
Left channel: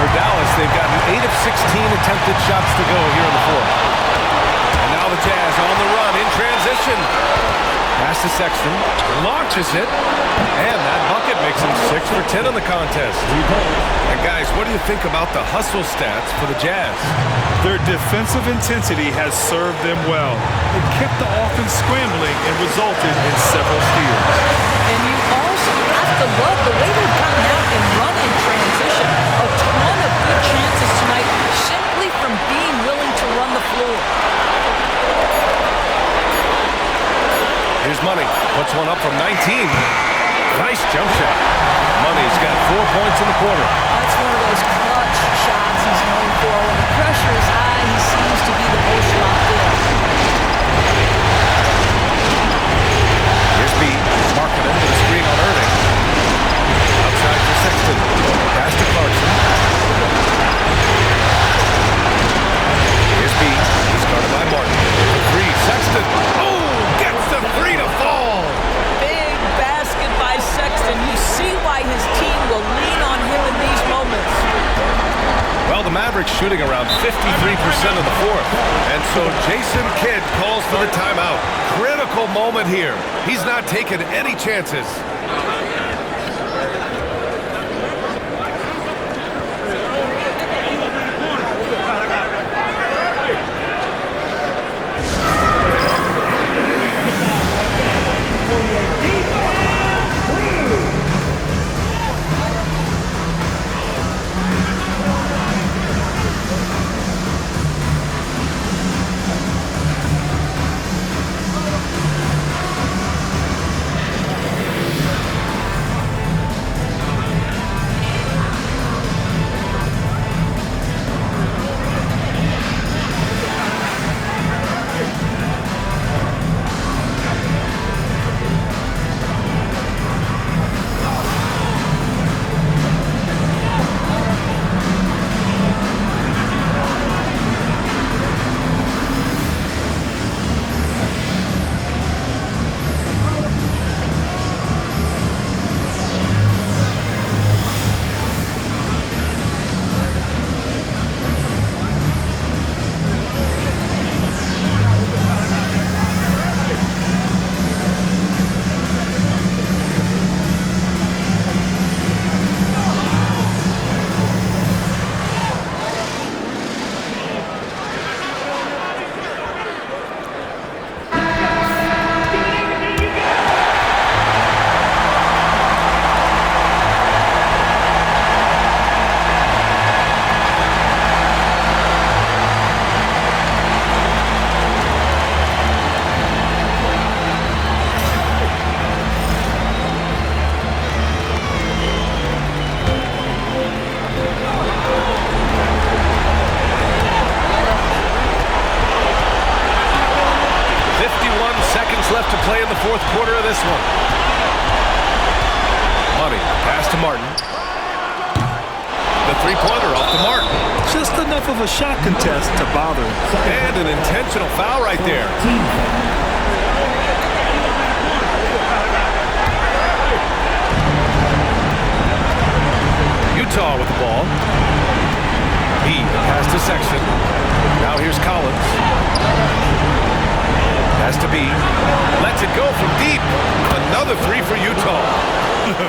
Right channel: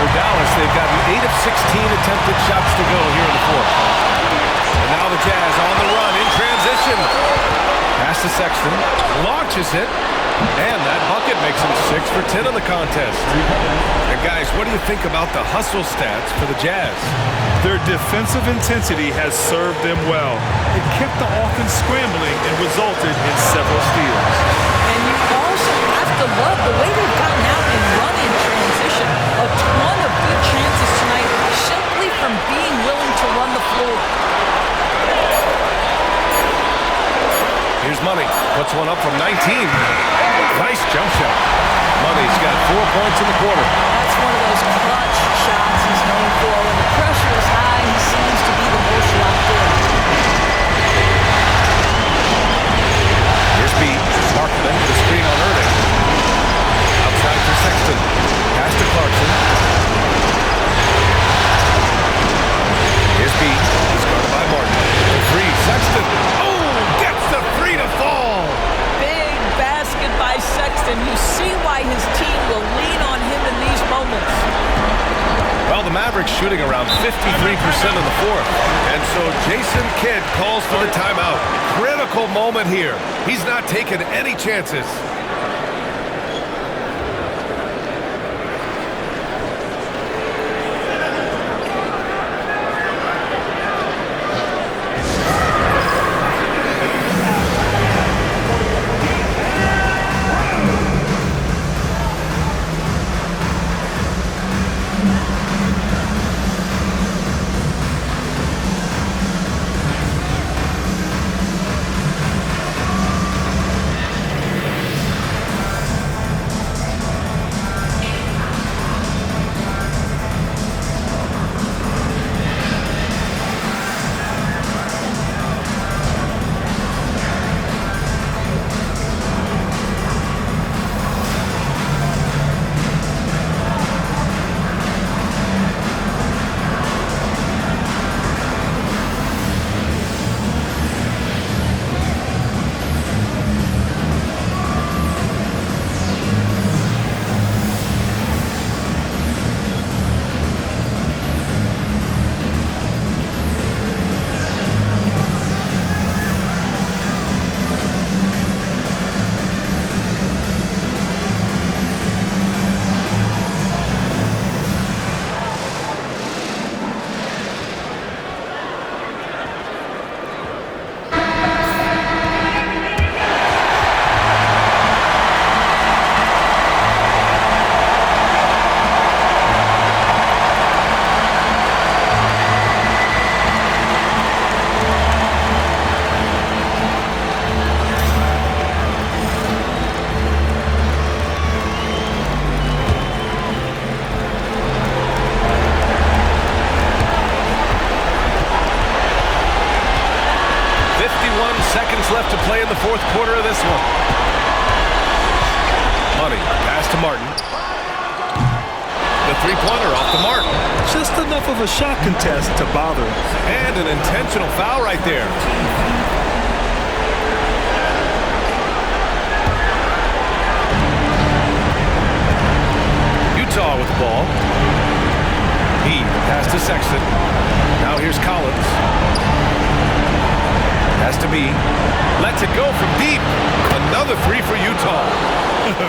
For Dallas, they've gotten 8 of 16 attempted shots to go here in the fourth. And now the Jazz on the run in transition. Pass to Sexton. Launches it. And that bucket makes him 6 for 10 in the contest. And guys, what do you think about the hustle stats for the Jazz? Their defensive intensity has served them well. It kept the offense scrambling and resulted in several steals. And you also have to love the way they've gotten out and run in transition. A ton of good chances tonight simply from being willing to run the floor. Here's Money. Puts one up from 19. Nice jump shot. Money's got 4 points in the quarter. That's one of those clutch shots he's known for. When the pressure is high, he seems to be the most locked in. Here's B. Markkanen with a screen on Irving. Outside for Sexton. Pass to Clarkson. Here's B. He's guarded by Martin. The 3. Sexton. Oh! Gets the 3 to fall. Big basket by Sexton. You see why his team will lean on him in these moments. Well, the Mavericks shooting around 53% in the fourth. And so Jason Kidd calls for the timeout. Critical moment here. He's not taking any chances. Seconds left to play in the fourth quarter of this one. Money, pass to Martin. The three-pointer off the mark. Just enough of a shot contest to bother. And an intentional foul right there. Utah with the ball. B, the pass to Sexton. Now here's Collins. Has to be. Lets it go from deep. Another 3 for Utah.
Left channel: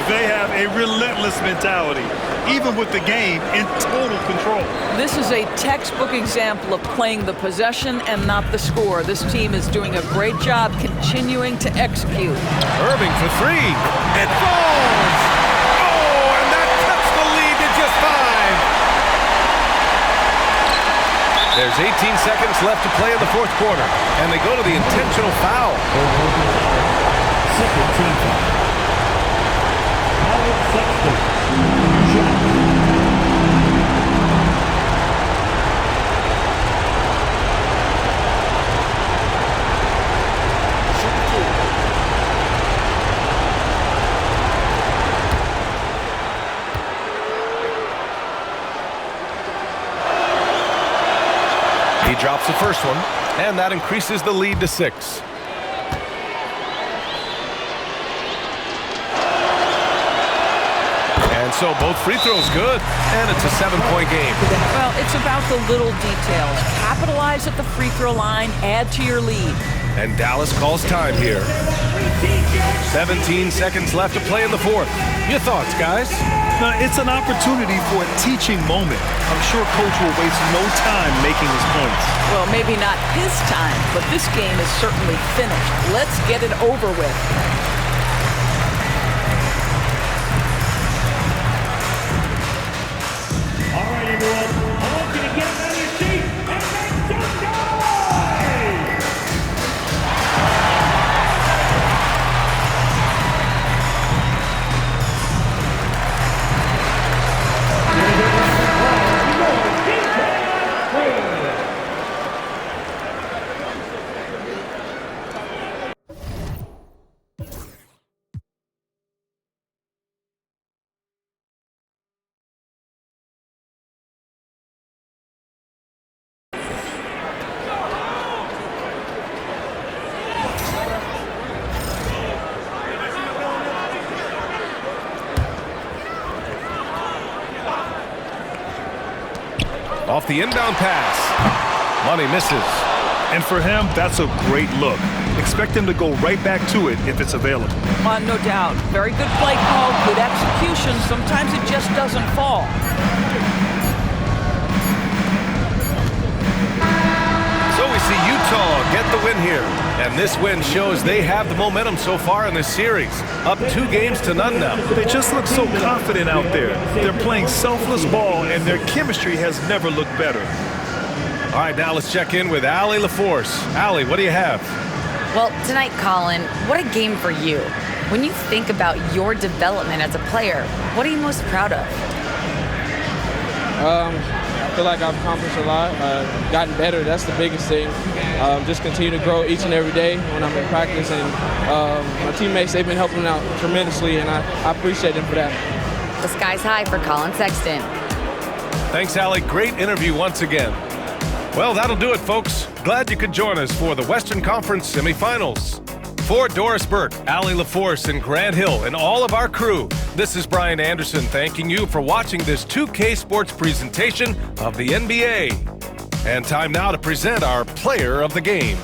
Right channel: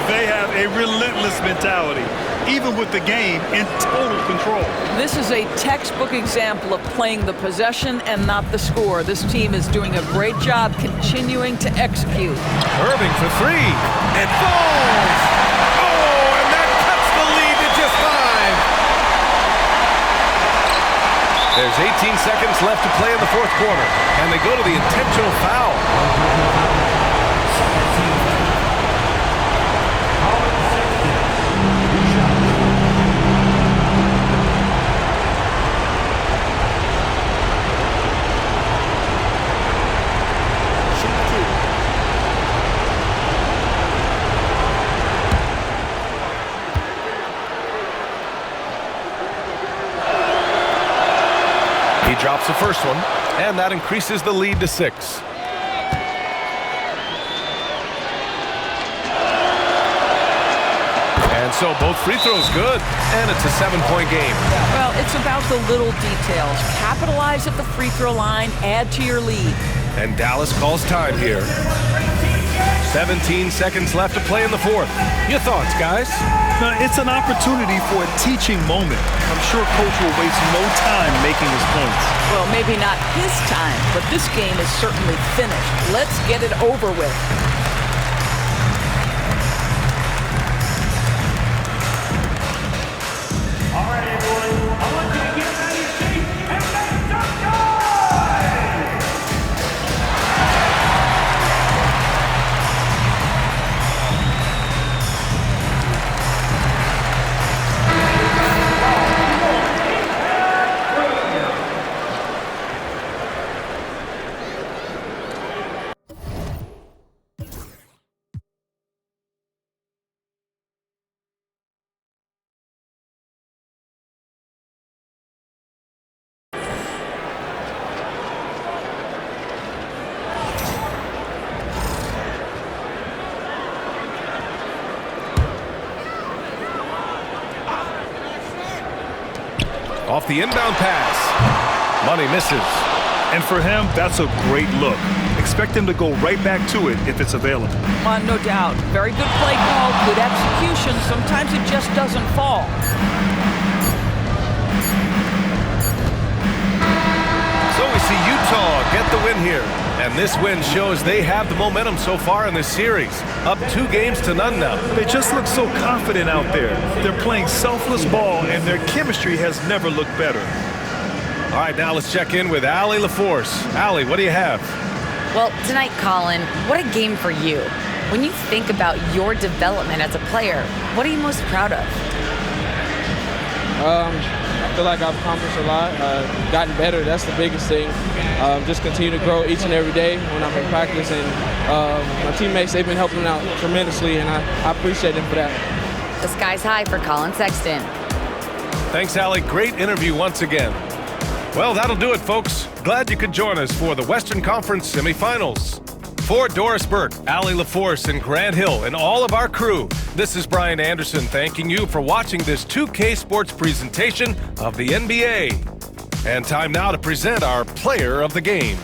They have a relentless mentality, even with the game in total control. This is a textbook example of playing the possession and not the score. This team is doing a great job continuing to execute. Irving for 3. It falls. Oh, and that cuts the There's 18 seconds left to play in the fourth quarter, and they go to the intentional foul. Second team foul. Colin Sexton. Shot. Shoot two. He drops the first one, and that increases the lead to 6. And so both free throws good, and it's a 7-point game. Well, it's about the little details. Capitalize at the free throw line, add to your lead. And Dallas calls time here. 17 seconds left to play in the fourth. Your thoughts, guys? Now, it's an opportunity for a teaching moment. I'm sure Coach will waste no time making his points. Well, maybe not his time, but this game is certainly finished. Let's get it over with. All right, everyone. I want you to get out of your seat and make some noise! Off the inbound pass. Money misses. And for him, that's a great look. Expect him to go right back to it if it's available. No doubt. Very good play call, good execution. Sometimes it just doesn't fall. So we see Utah get the win here. And this win shows they have the momentum so far in this series. Up 2 games to none now. They just look so confident out there. They're playing selfless ball, and their chemistry has never looked better. All right, now let's check in with Allie LaForce. Allie, what do you have? Well, tonight, Colin, what a game for you. When you think about your development as a player, what are you most proud of? I feel like I've accomplished a lot, gotten better. That's the biggest thing. Just continue to grow each and every day when I'm in practice. And my teammates, they've been helping out tremendously, and I appreciate them for that. The sky's high for Colin Sexton. Thanks, Allie. Great interview once again. Well, that'll do it, folks. Glad you could join us for the Western Conference semifinals. For Doris Burke, Allie LaForce, and Grant Hill, and all of our crew, this is Brian Anderson thanking you for watching this 2K Sports presentation of the NBA. And time now to present our player of the game.